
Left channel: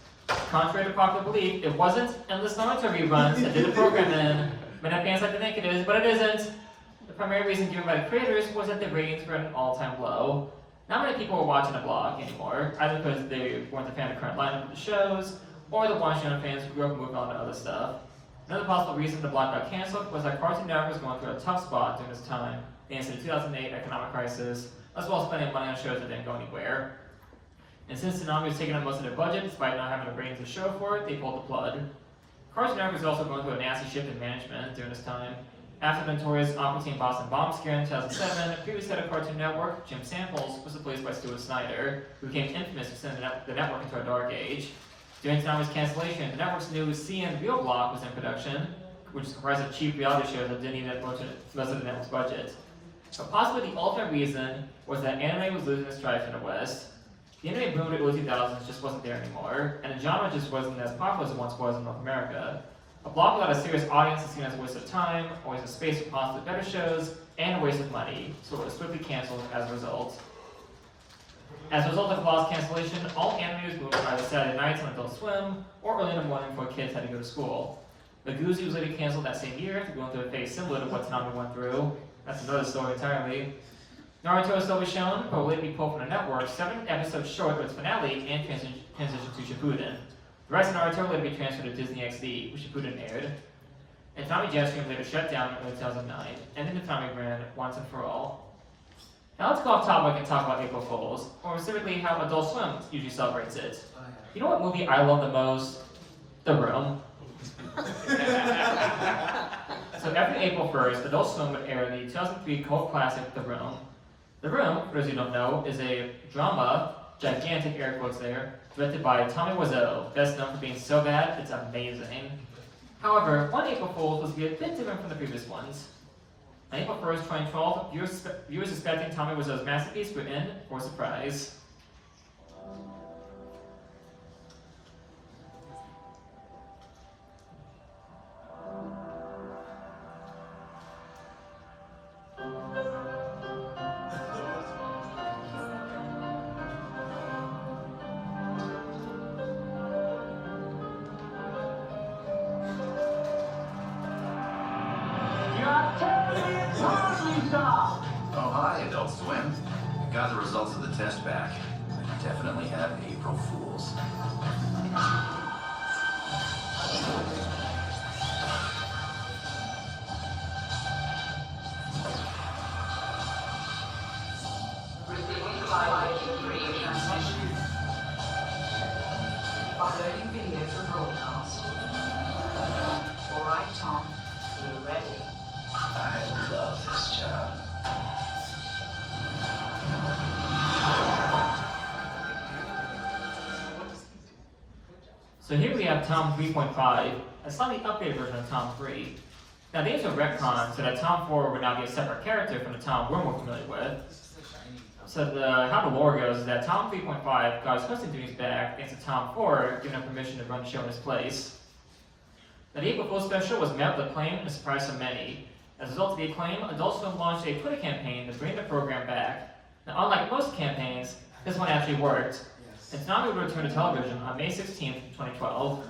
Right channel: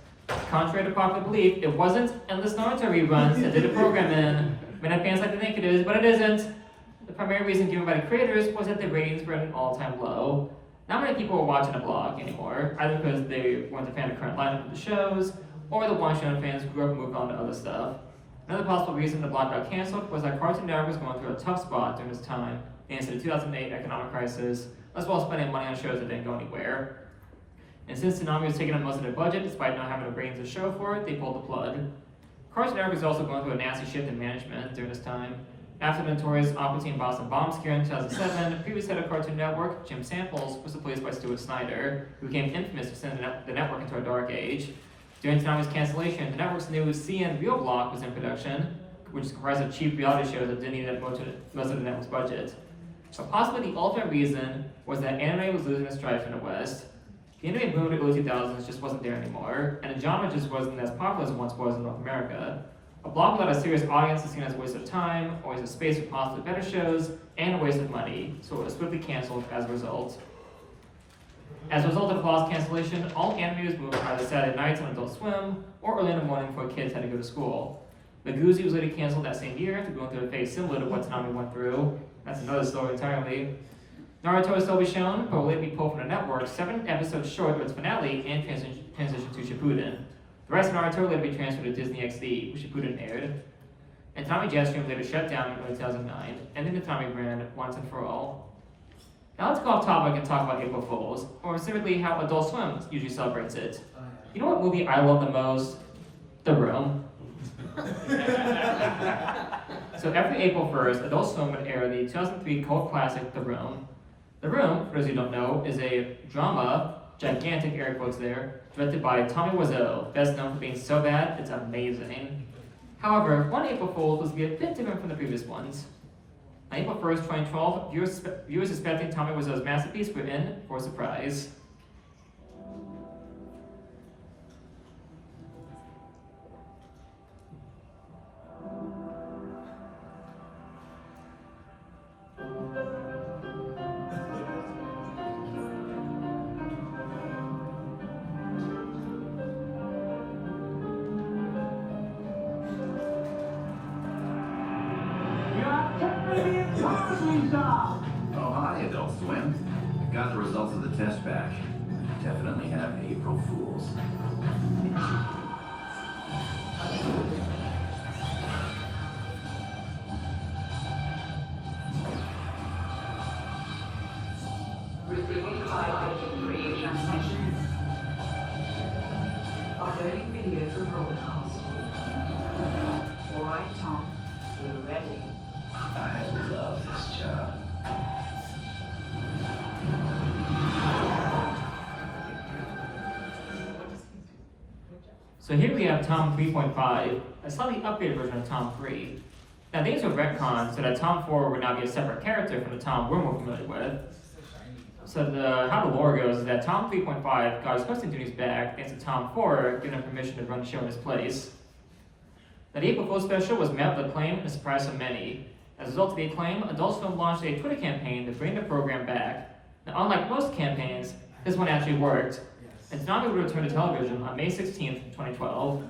Contrary to popular belief, it wasn't endless Naruto reruns that did the program in. Many fans like to think it is, but it isn't. The primary reason given by the creators was that the ratings were at an all-time low. Not many people were watching the block anymore, either because they weren't a fan of the current lineup of the shows, or the watching fans who grew up moving on to other stuff. Another possible reason the block got canceled was that Cartoon Network was going through a tough spot during this time, thanks to the 2008 economic crisis, as well as spending money on shows that didn't go anywhere. And since Toonami was taking up most of their budget, despite not having a ratings to show for it, they pulled the plug. Cartoon Network was also going through a nasty shift in management during this time. After the notorious Aqua Teen Boston bomb scare in 2007, the previous head of Cartoon Network, Jim Samples, was replaced by Stuart Snyder, who became infamous for sending the network into a dark age. During Toonami's cancellation, the network's new CN Real block was in production, which is comprised of cheap reality shows that didn't even most of the network's budget. But possibly the ultimate reason was that anime was losing its stride in the West. The anime boom in the early 2000s just wasn't there anymore, and the genre just wasn't as popular as it once was in North America. A block without a serious audience is seen as a waste of time, a waste of space for possibly better shows, and a waste of money, so it was swiftly canceled as a result. As a result of the blog's cancellation, all anime was moved either Saturday nights on Adult Swim, or early in the morning for kids had to go to school. The Goozy was later canceled that same year after going through a phase similar to what Toonami went through. That's another story entirely. Naruto will still be shown, but will later be pulled from the network 7 episodes short of its finale and transition to Shippuden. The rest of Naruto will later be transferred to Disney XD, which Shippuden aired. And Toonami Jetstream later shut down in 2009, ending the Toonami brand once and for all. Now let's go off topic and talk about April Fools, or specifically how Adult Swim usually celebrates it. You know what movie I love the most? The Room. So every April 1st, Adult Swim would air the 2003 cult classic The Room. The Room, for those who don't know, is a drama, gigantic air quotes there, directed by Tommy Wiseau, best known for being so bad, it's amazing. However, one April Fool's was a bit different from the previous ones. On April 1st, 2012, viewers expecting Tommy Wiseau's masterpiece were in for a surprise. Oh, hi, Adult Swim. Got the results of the test back. Definitely have April Fools. Receiving 583 transmission. Following video for broadcast. Alright, Tom. We're ready. I love this job. So here we have Tom 3.5, a slightly updated version of Tom 3. Now these were retconned so that Tom 4 would now be a separate character from the Tom we're more familiar with. So how the lore goes is that Tom 3.5 got his hosting duties back thanks to Tom 4 giving him permission to run the show in his place. Now the April Fool's special was met with acclaim and surprise to many. As a result of the acclaim, Adult Swim launched a Twitter campaign to bring the program back. Now unlike most campaigns, this one actually worked. And Toonami would return to television on May 16, 2012.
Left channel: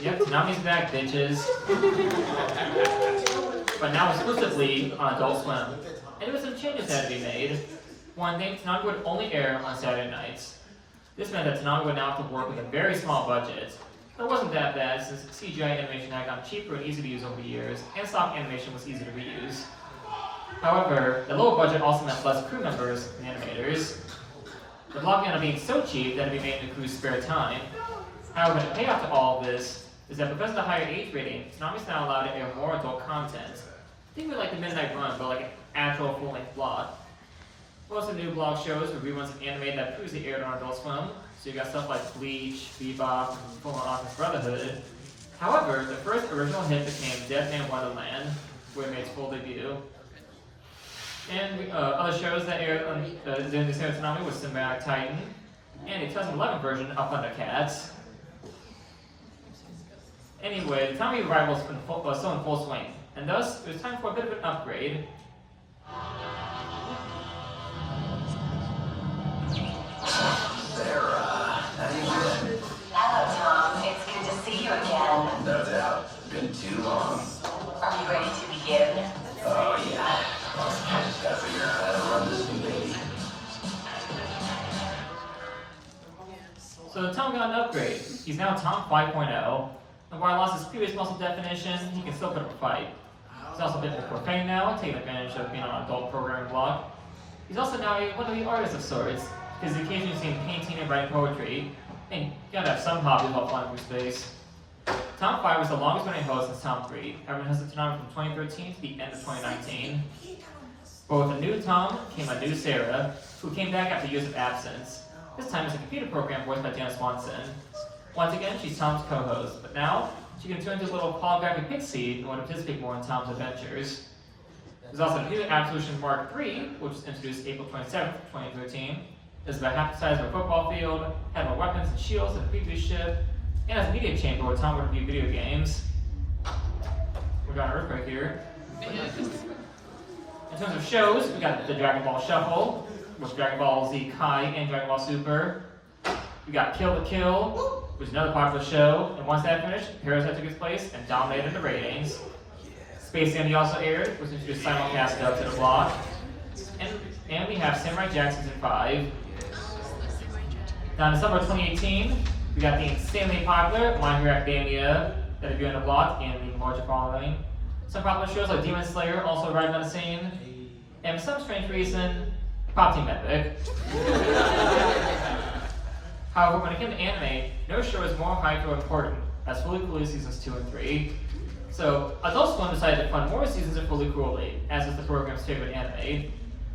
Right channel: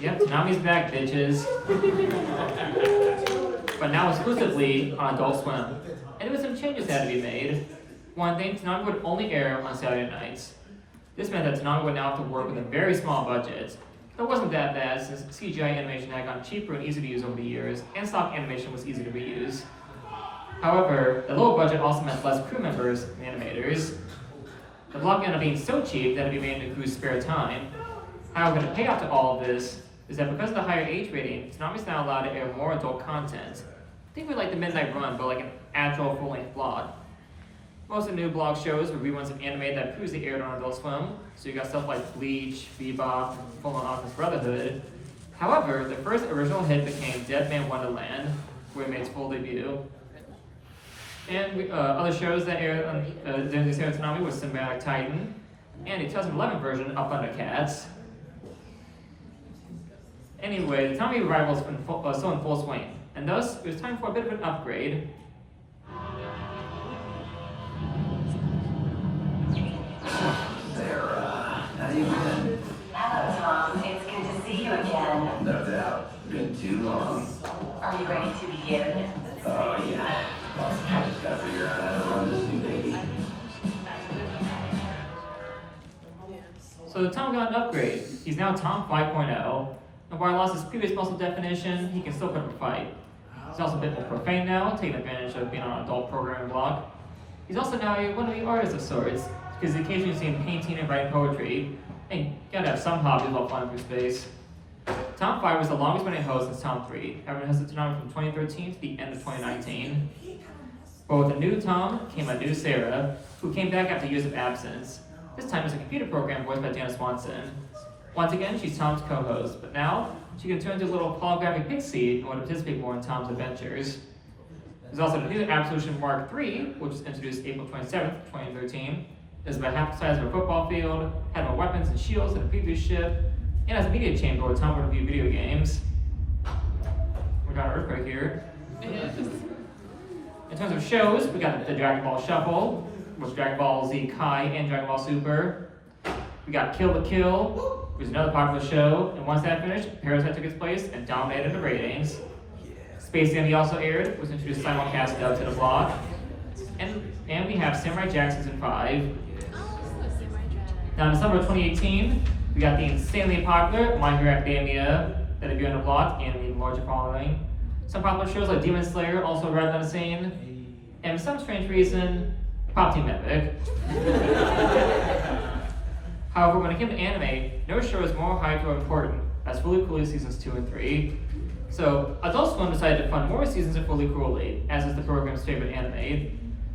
Yep, Toonami's back, bitches. But now exclusively on Adult Swim. And there were some changes that had to be made. One thing, Toonami would only air on Saturday nights. This meant that Toonami would now have to work with a very small budget. It wasn't that bad since CGI animation had gotten cheaper and easier to use over the years, and stock animation was easy to reuse. However, the lower budget also meant less crew members and animators. The block ended up being so cheap that it became the crew's spare time. However, the payoff to all of this is that because of the higher age rating, Toonami's now allowed to air more adult content. Think of it like the Midnight Run, but like an actual full-length block. Most of the new blog shows were reruns of anime that previously aired on Adult Swim, so you got stuff like Bleach, Bebop, and Full Office Brotherhood. However, the first original hit became Dead Man Wonderland, where it made its full debut. And other shows that aired on during this era of Toonami was Cinematic Titan, and the 2011 version of Thundercats. Anyway, the Toonami rivals was still in full swing, and thus it was time for a bit of an upgrade. Sarah, how you been? Hello, Tom. It's good to see you again. No doubt. Been too long. Are you ready to begin? Oh, yeah. I just gotta figure out how to run this new baby. So Tom got an upgrade. He's now Tom 5.0, and while he lost his previous muscle definition, he can still put up a fight. He's also a bit more profane now, taking advantage of being on an adult programming block. He's also now one of the artists of sorts, because he occasionally seen painting and writing poetry, and you gotta have some hobby while flying through space. Tom 5 was the longest running host since Tom 3, having hosted Toonami from 2013 to the end of 2019. But with a new Tom came a new Sarah, who came back after years of absence. This time as a computer program voiced by Dana Swanson. Once again, she's Tom's co-host, but now she can turn into a little holographic pixie in order to participate more in Tom's adventures. There's also a new Absolution Mark III, which was introduced April 27th, 2013. It's about half the size of a football field, had more weapons and shields than the previous ship, and has a media chamber where Tom would review video games. We got Earth right here. In terms of shows, we got the Dragon Ball Shuffle, which is Dragon Ball Z Kai and Dragon Ball Super. We got Kill the Kill, which is another popular show, and once that finished, Parasite took its place and dominated the ratings. Space Dandy also aired, was introduced simulcast to the block. And we have Samurai Jack Season 5. Now in December 2018, we got the insanely popular My Hero Academia that debuted on the block and even larger following. Some popular shows like Demon Slayer also arrived on the scene. And for some strange reason, Pop Team Epic. However, when it came to anime, no show is more hyped or important as Fully Cooley Seasons 2 and 3. So, Adult Swim decided to fund more seasons of Fully Cooley, as is the program's favorite anime.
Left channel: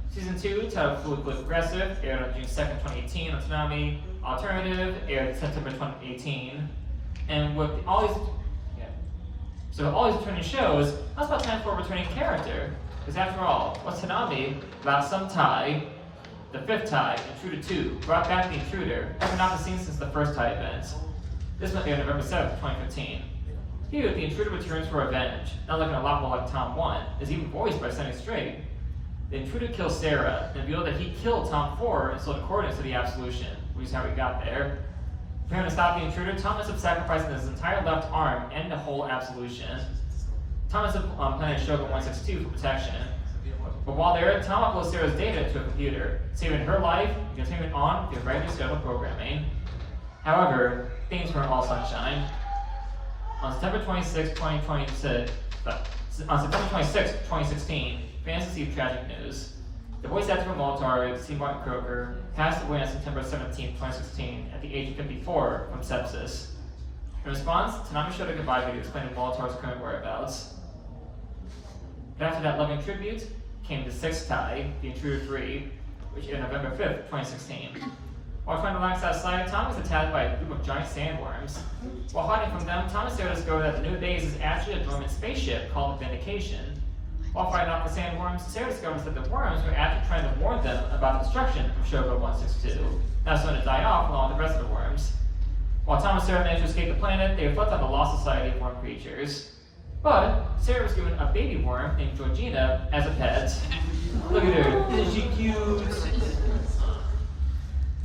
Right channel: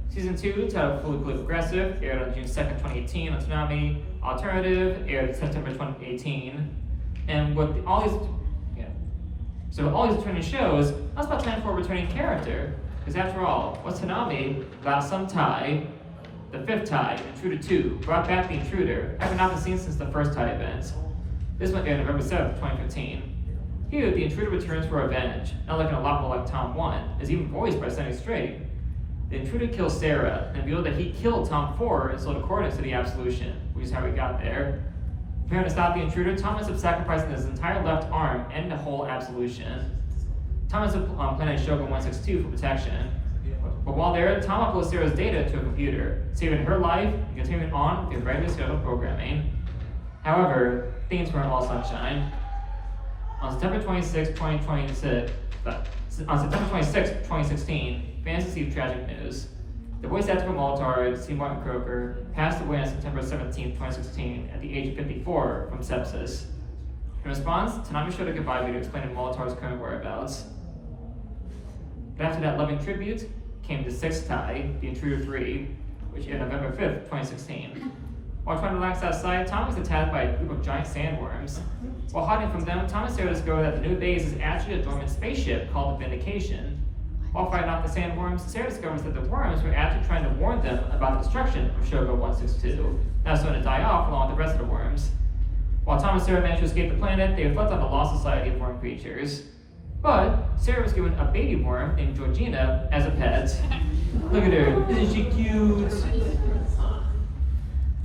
Season 2, titled Fully Cooley Progressive, aired on June 2nd, 2018 on Toonami. Alternative aired in September 2018. And with all these returning shows, that's about time for a returning character. Because after all, what's Toonami without some tie? The fifth tie, Intruder 2, brought back the Intruder, having not been seen since the first tie event. This one aired November 7th, 2015. Here, the Intruder returns for revenge, now looking a lot more like Tom 1, is even voiced by Sonny Strait. The Intruder kills Sarah, and revealed that he killed Tom 4 and sold accordance to the Absolution, which is how he got there. Preparing to stop the Intruder, Tom ends up sacrificing his entire left arm and the whole Absolution. Tom ends up on planet Shogun 162 for protection. But while there, Tom uploads Sarah's data to a computer, saving her life and continuing on through regular scheduled programming. However, things weren't all sunshine. On September 26, 2016, fans received tragic news. The voice actor from Moltar, C. Martin Croker, passed away on September 17, 2016, at the age of 54 from sepsis. In response, Toonami showed a goodbye video explaining Moltar's current whereabouts. But after that loving tribute came the sixth tie, The Intruder 3, which aired November 5th, 2016. While trying to relax outside, Tom is attacked by a group of giant sandworms. While hiding from them, Tom and Sarah discover that the new base is actually a dormant spaceship called the Vindication. While fighting off the sandworms, Sarah discovers that the worms were actually trying to warn them about the destruction of Shogo 162, now starting to die off along with the rest of the worms. While Tom and Sarah manage to escape the planet, they reflect on the lost society of worm creatures. But Sarah was given a baby worm named Georgina as a pet. Look at her, isn't she cute?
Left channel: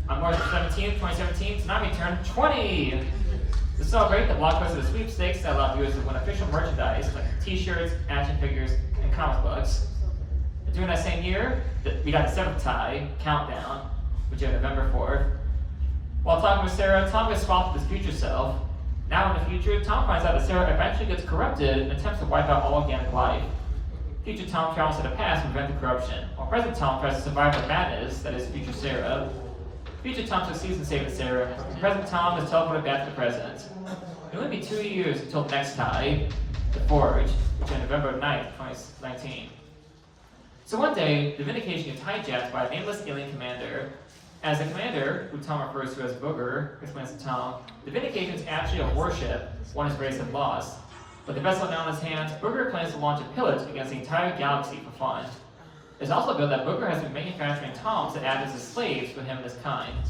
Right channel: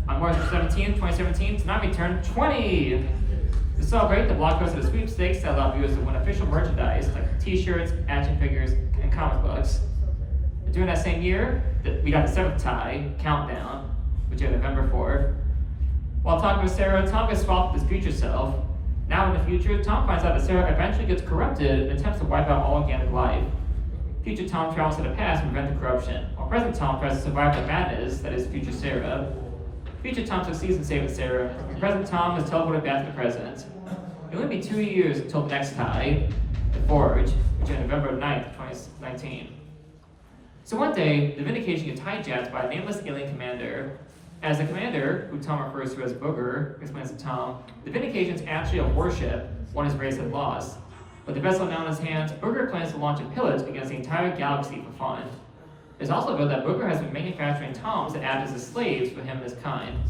On March 17, 2017, Toonami turned 20! To celebrate, the block hosted a sweepstakes that allowed viewers to win official merchandise like t-shirts, action figures, and comic books. And during that same year, we got the seventh tie, Countdown, which aired November 4th. While talking with Sarah, Tom gets swapped with his future self. Now in the future, Tom finds out that Sarah eventually gets corrupted and attempts to wipe out all organic life. Future Tom travels to the past to prevent the corruption, while present Tom tries to survive the madness that is future Sarah. Future Tom succeeds in saving Sarah, and present Tom is teleported back to the present. It'll only be 2 years until the next tie, The Forge, which is November 9th, 2019. So one day, the Vindication gets hijacked by a nameless alien commander. As the commander, who Tom refers to as Booger, explains to Tom, the Vindication is actually a warship one his race had lost. With the vessel now in his hands, Booger plans to launch a pillage against the entire galaxy for fun. It's also revealed that Booger has been manufacturing Toms to act as his slaves for him and his kind.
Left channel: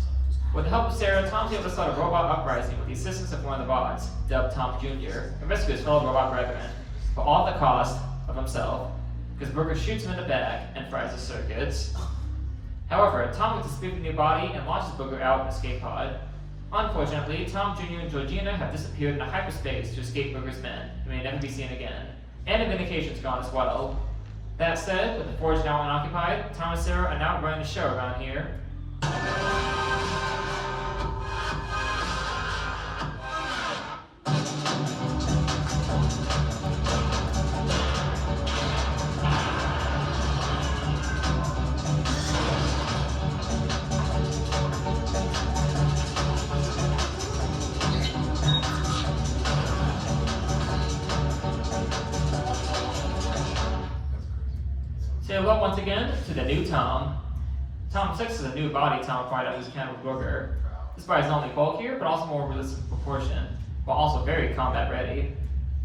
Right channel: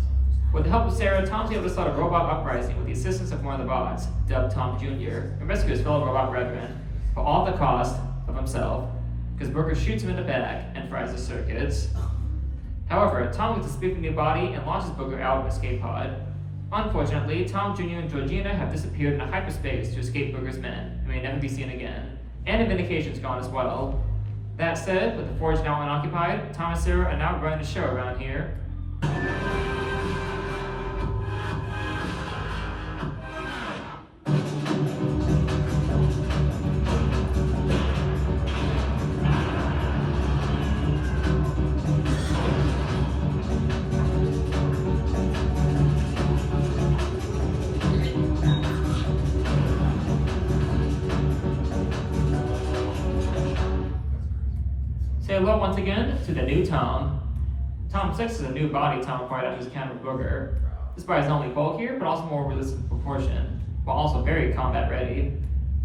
With the help of Sarah, Tom was able to start a robot uprising with the assistance of one of the bots, dubbed Tom Jr., and rescue his fellow robot brethren, but all at the cost of himself, because Booger shoots him in the back and fries his circuits. However, Tom gets a spook new body and launches Booger out in an escape pod. Unfortunately, Tom Jr. and Georgina have disappeared into hyperspace to escape Booger's men and may never be seen again. And the medication's gone as well. That said, with the forge now unoccupied, Tom and Sarah are now running the show around here. Say hello once again to the new Tom. Tom 6 is a new body Tom acquired after his encounter with Booger. This body is not only bulkier, but also more resistant to proportion, while also very combat ready.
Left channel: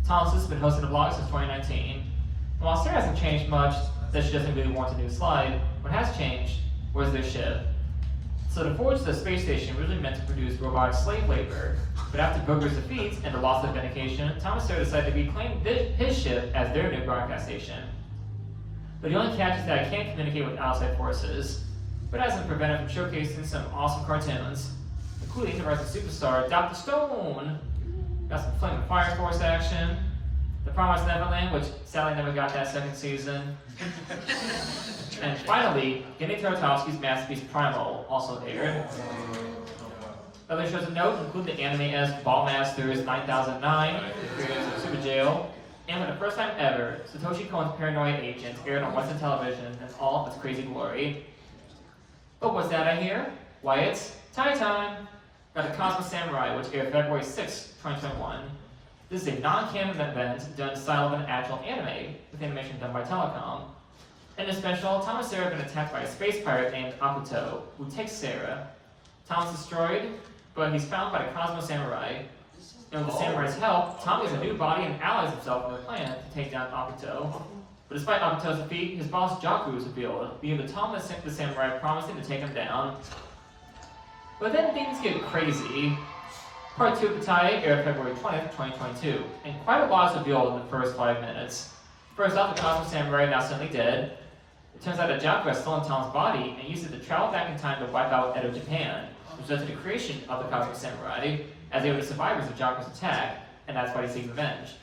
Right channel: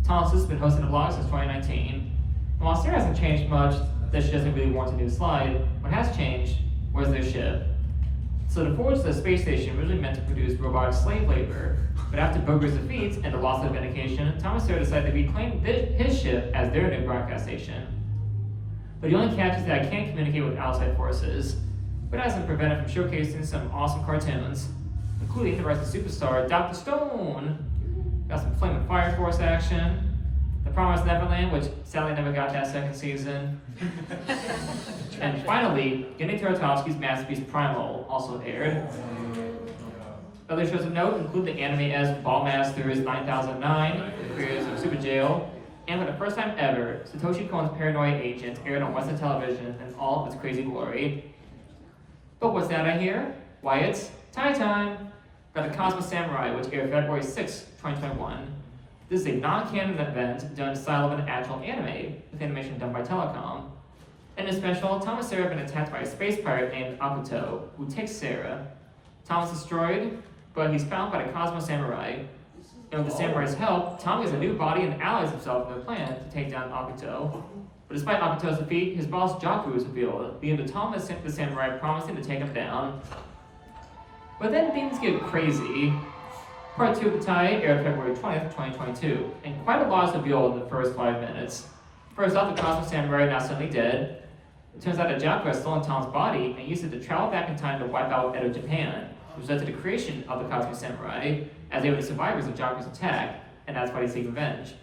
Tom 6 has been hosting the vlog since 2019. And while Sarah hasn't changed much, that she doesn't really warrant a new slide, what has changed was their ship. So the Forge is a space station originally meant to produce robotic slave labor, but after Booger's defeats and the loss of medication, Tom and Sarah decided to reclaim his ship as their new broadcast station. But the only catch is that I can't communicate with outside forces, but it hasn't prevented from showcasing some awesome cartoons, including the Rising Superstar, Dr. Stone. Got some Flame and Fire Force action, The Promised Neverland, which sadly never got that second season. And finally, Genny Tartakovsky's masterpiece Primal also aired. Other shows of note include the anime-esque Ballmasters 9009, the creators of Super Jail, and for the first time ever, Satoshi Kon's Paranoia Agent aired on Western television in all of its crazy glory. But what's that I hear? Why, it's tie time! Got the Cosmic Samurai, which aired February 6, 2021. This is a non-canon event done in the style of an actual anime, with animation done by Telecom. In the special, Tom and Sarah have been attacked by a space pirate named Akuto, who takes Sarah. Tom is destroyed, but he's found by the Cosmo Samurai. And with the Samurai's help, Tom gets a new body and allies himself in their plan to take down Akuto. But despite Akuto's defeat, his boss Jaku is revealed, leading to Tom and the Samurai promising to take him down. But then things get crazy. Part 2 of the tie aired February 20th, 2022, and quite a lot is revealed in the first 5 minutes. First off, the Cosmo Samurai now suddenly dead. It turns out that Jaku has stolen Tom's body and used it to travel back in time to wipe out Edo Japan, which led to the creation of the Cosmo Samurai, as they were the survivors of Jaku's attack, and that's why they seek revenge.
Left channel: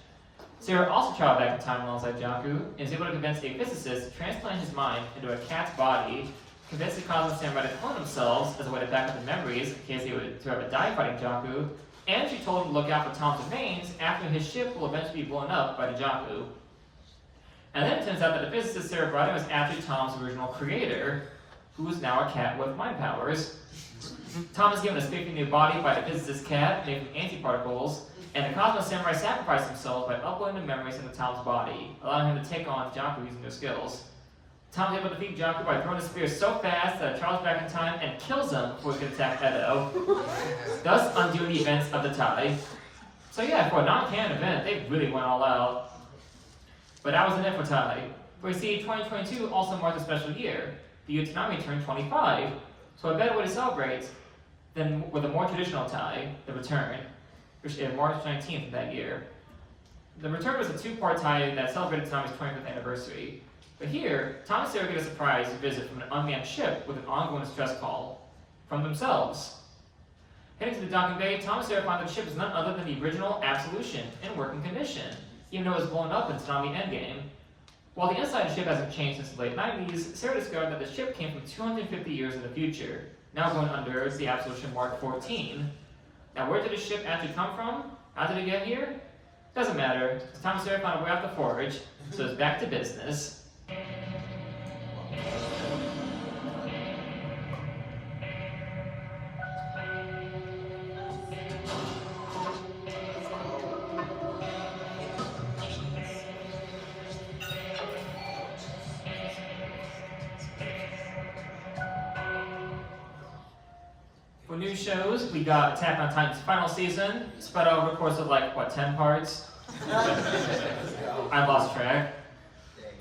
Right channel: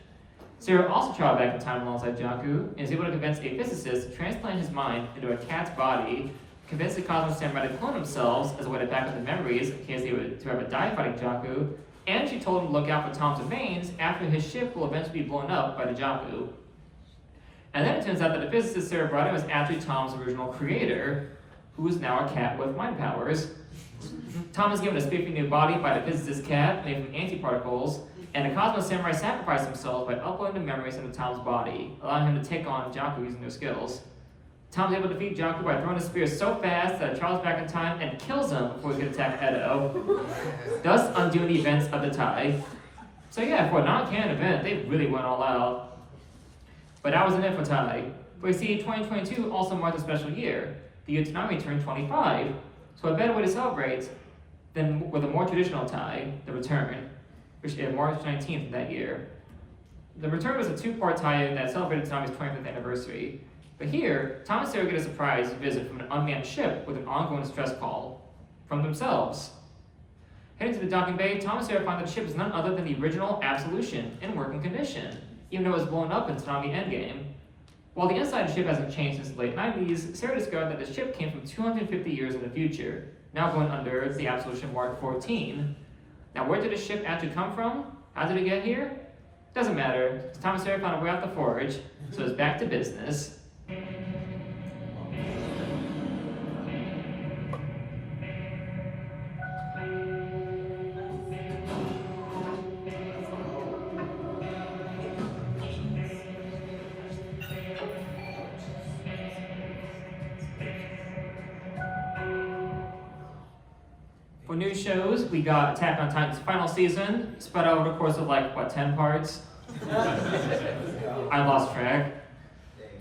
Sarah also traveled back in time alongside Jaku, and is able to convince a physicist to transplant his mind into a cat's body, convince the Cosmo Samurai to clone themselves as a way to back up the memories in case they were to ever die fighting Jaku, and she told him to look out for Tom's remains after his ship will eventually be blown up by the Jaku. And then it turns out that the physicist Sarah brought in was actually Tom's original creator, who is now a cat with mind powers. Tom is given a spiffy new body by the physicist cat, made from antiparticles, and the Cosmo Samurai sacrificed himself by uploading the memories into Tom's body, allowing him to take on Jaku using their skills. Tom is able to defeat Jaku by throwing the spear so fast that it travels back in time and kills him before he can attack Edo, thus undoing the events of the tie. So yeah, for a non-canon event, they really went all out. But that wasn't it for tie. We see 2022 also marks a special year. The year Toonami turned 25, so a better way to celebrate than with a more traditional tie, The Return, which aired March 19th of that year. The Return was a 2-part tie-in that celebrated Toonami's 25th anniversary. But here, Tom and Sarah get a surprise visit from an unmanned ship with an ongoing stress call from themselves. Heading to the docking bay, Tom and Sarah find that the ship is none other than the original Absolution in working condition, even though it was blown up in Toonami Endgame. While the inside of the ship hasn't changed since the late 90s, Sarah discovered that the ship came from 250 years in the future, now going under the Absolution Mark 14. Now where did the ship actually come from? How did it get here? Doesn't matter, Tom and Sarah found a way out the forge, so it's back to business. For new shows, we got Attack on Titan's final season, spread over the course of 10 parts? I lost track.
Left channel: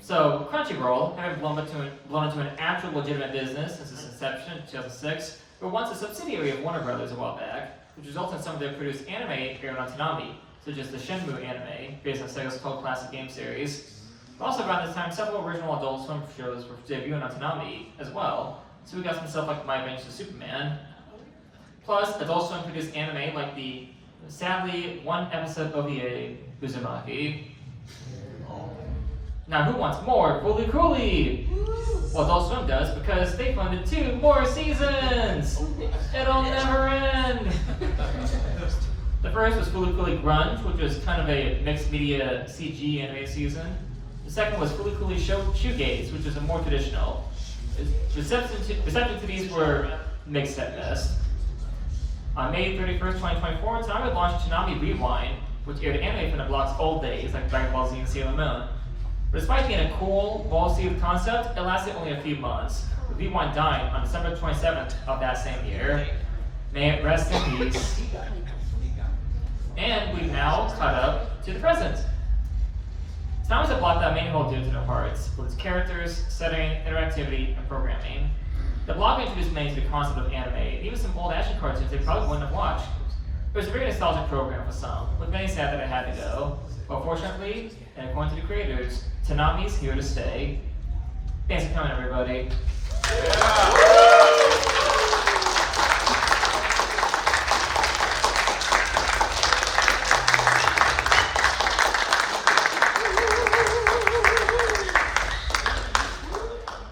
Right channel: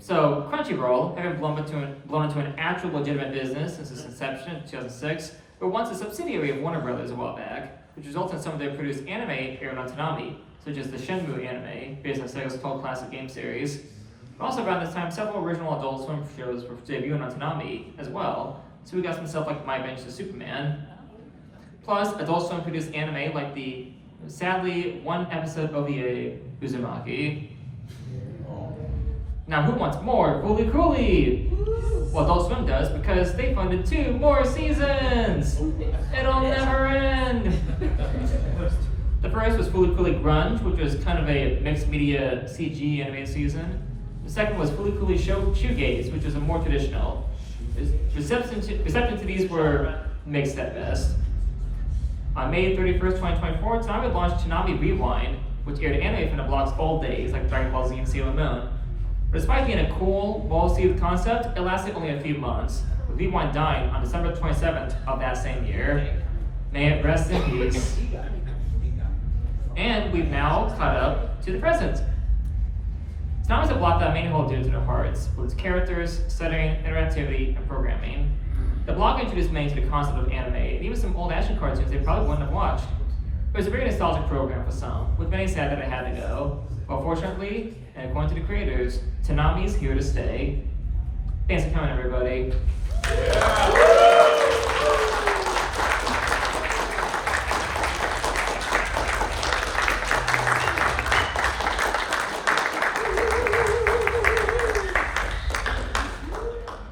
So, Crunchyroll, having blown into an actual legitimate business since its inception in 2006, were once a subsidiary of Warner Brothers a while back, which resulted in some of their produced anime aired on Toonami, such as the Shenmue anime, based on Sega's cult classic game series. But also around this time, several original Adult Swim shows were debuting on Toonami as well, so we got some stuff like My Bench to Superman. Plus, Adult Swim produced anime like the, sadly, one episode OVA, Uzumaki. Now who wants more Fooly Cooly? Well, Adult Swim does because they funded 2 more seasons! It'll never end! The first was Fooly Cooly Grunge, which was kind of a mixed media CG anime season. The second was Fooly Cooly Shoegaze, which was a more traditional. Reception to these were mixed at best. On May 31st, 2024, Toonami launched Toonami Rewind, which aired anime from the blog's old days, like Dragon Ball Z and Sailor Moon. But despite being a cool, well-received concept, it lasted only a few months, with Rewind dying on December 27th of that same year. May it rest in peace. And we've now caught up to the present. Toonami's a block that many hold dear to their hearts, with its characters, setting, interactivity, and programming. The blog introduced many to the concept of anime, and even some old action cartoons they probably wouldn't have watched. It was a very nostalgic program for some, with many sad that it had to go. But fortunately, and according to the creators, Toonami's here to stay. Thanks for coming, everybody.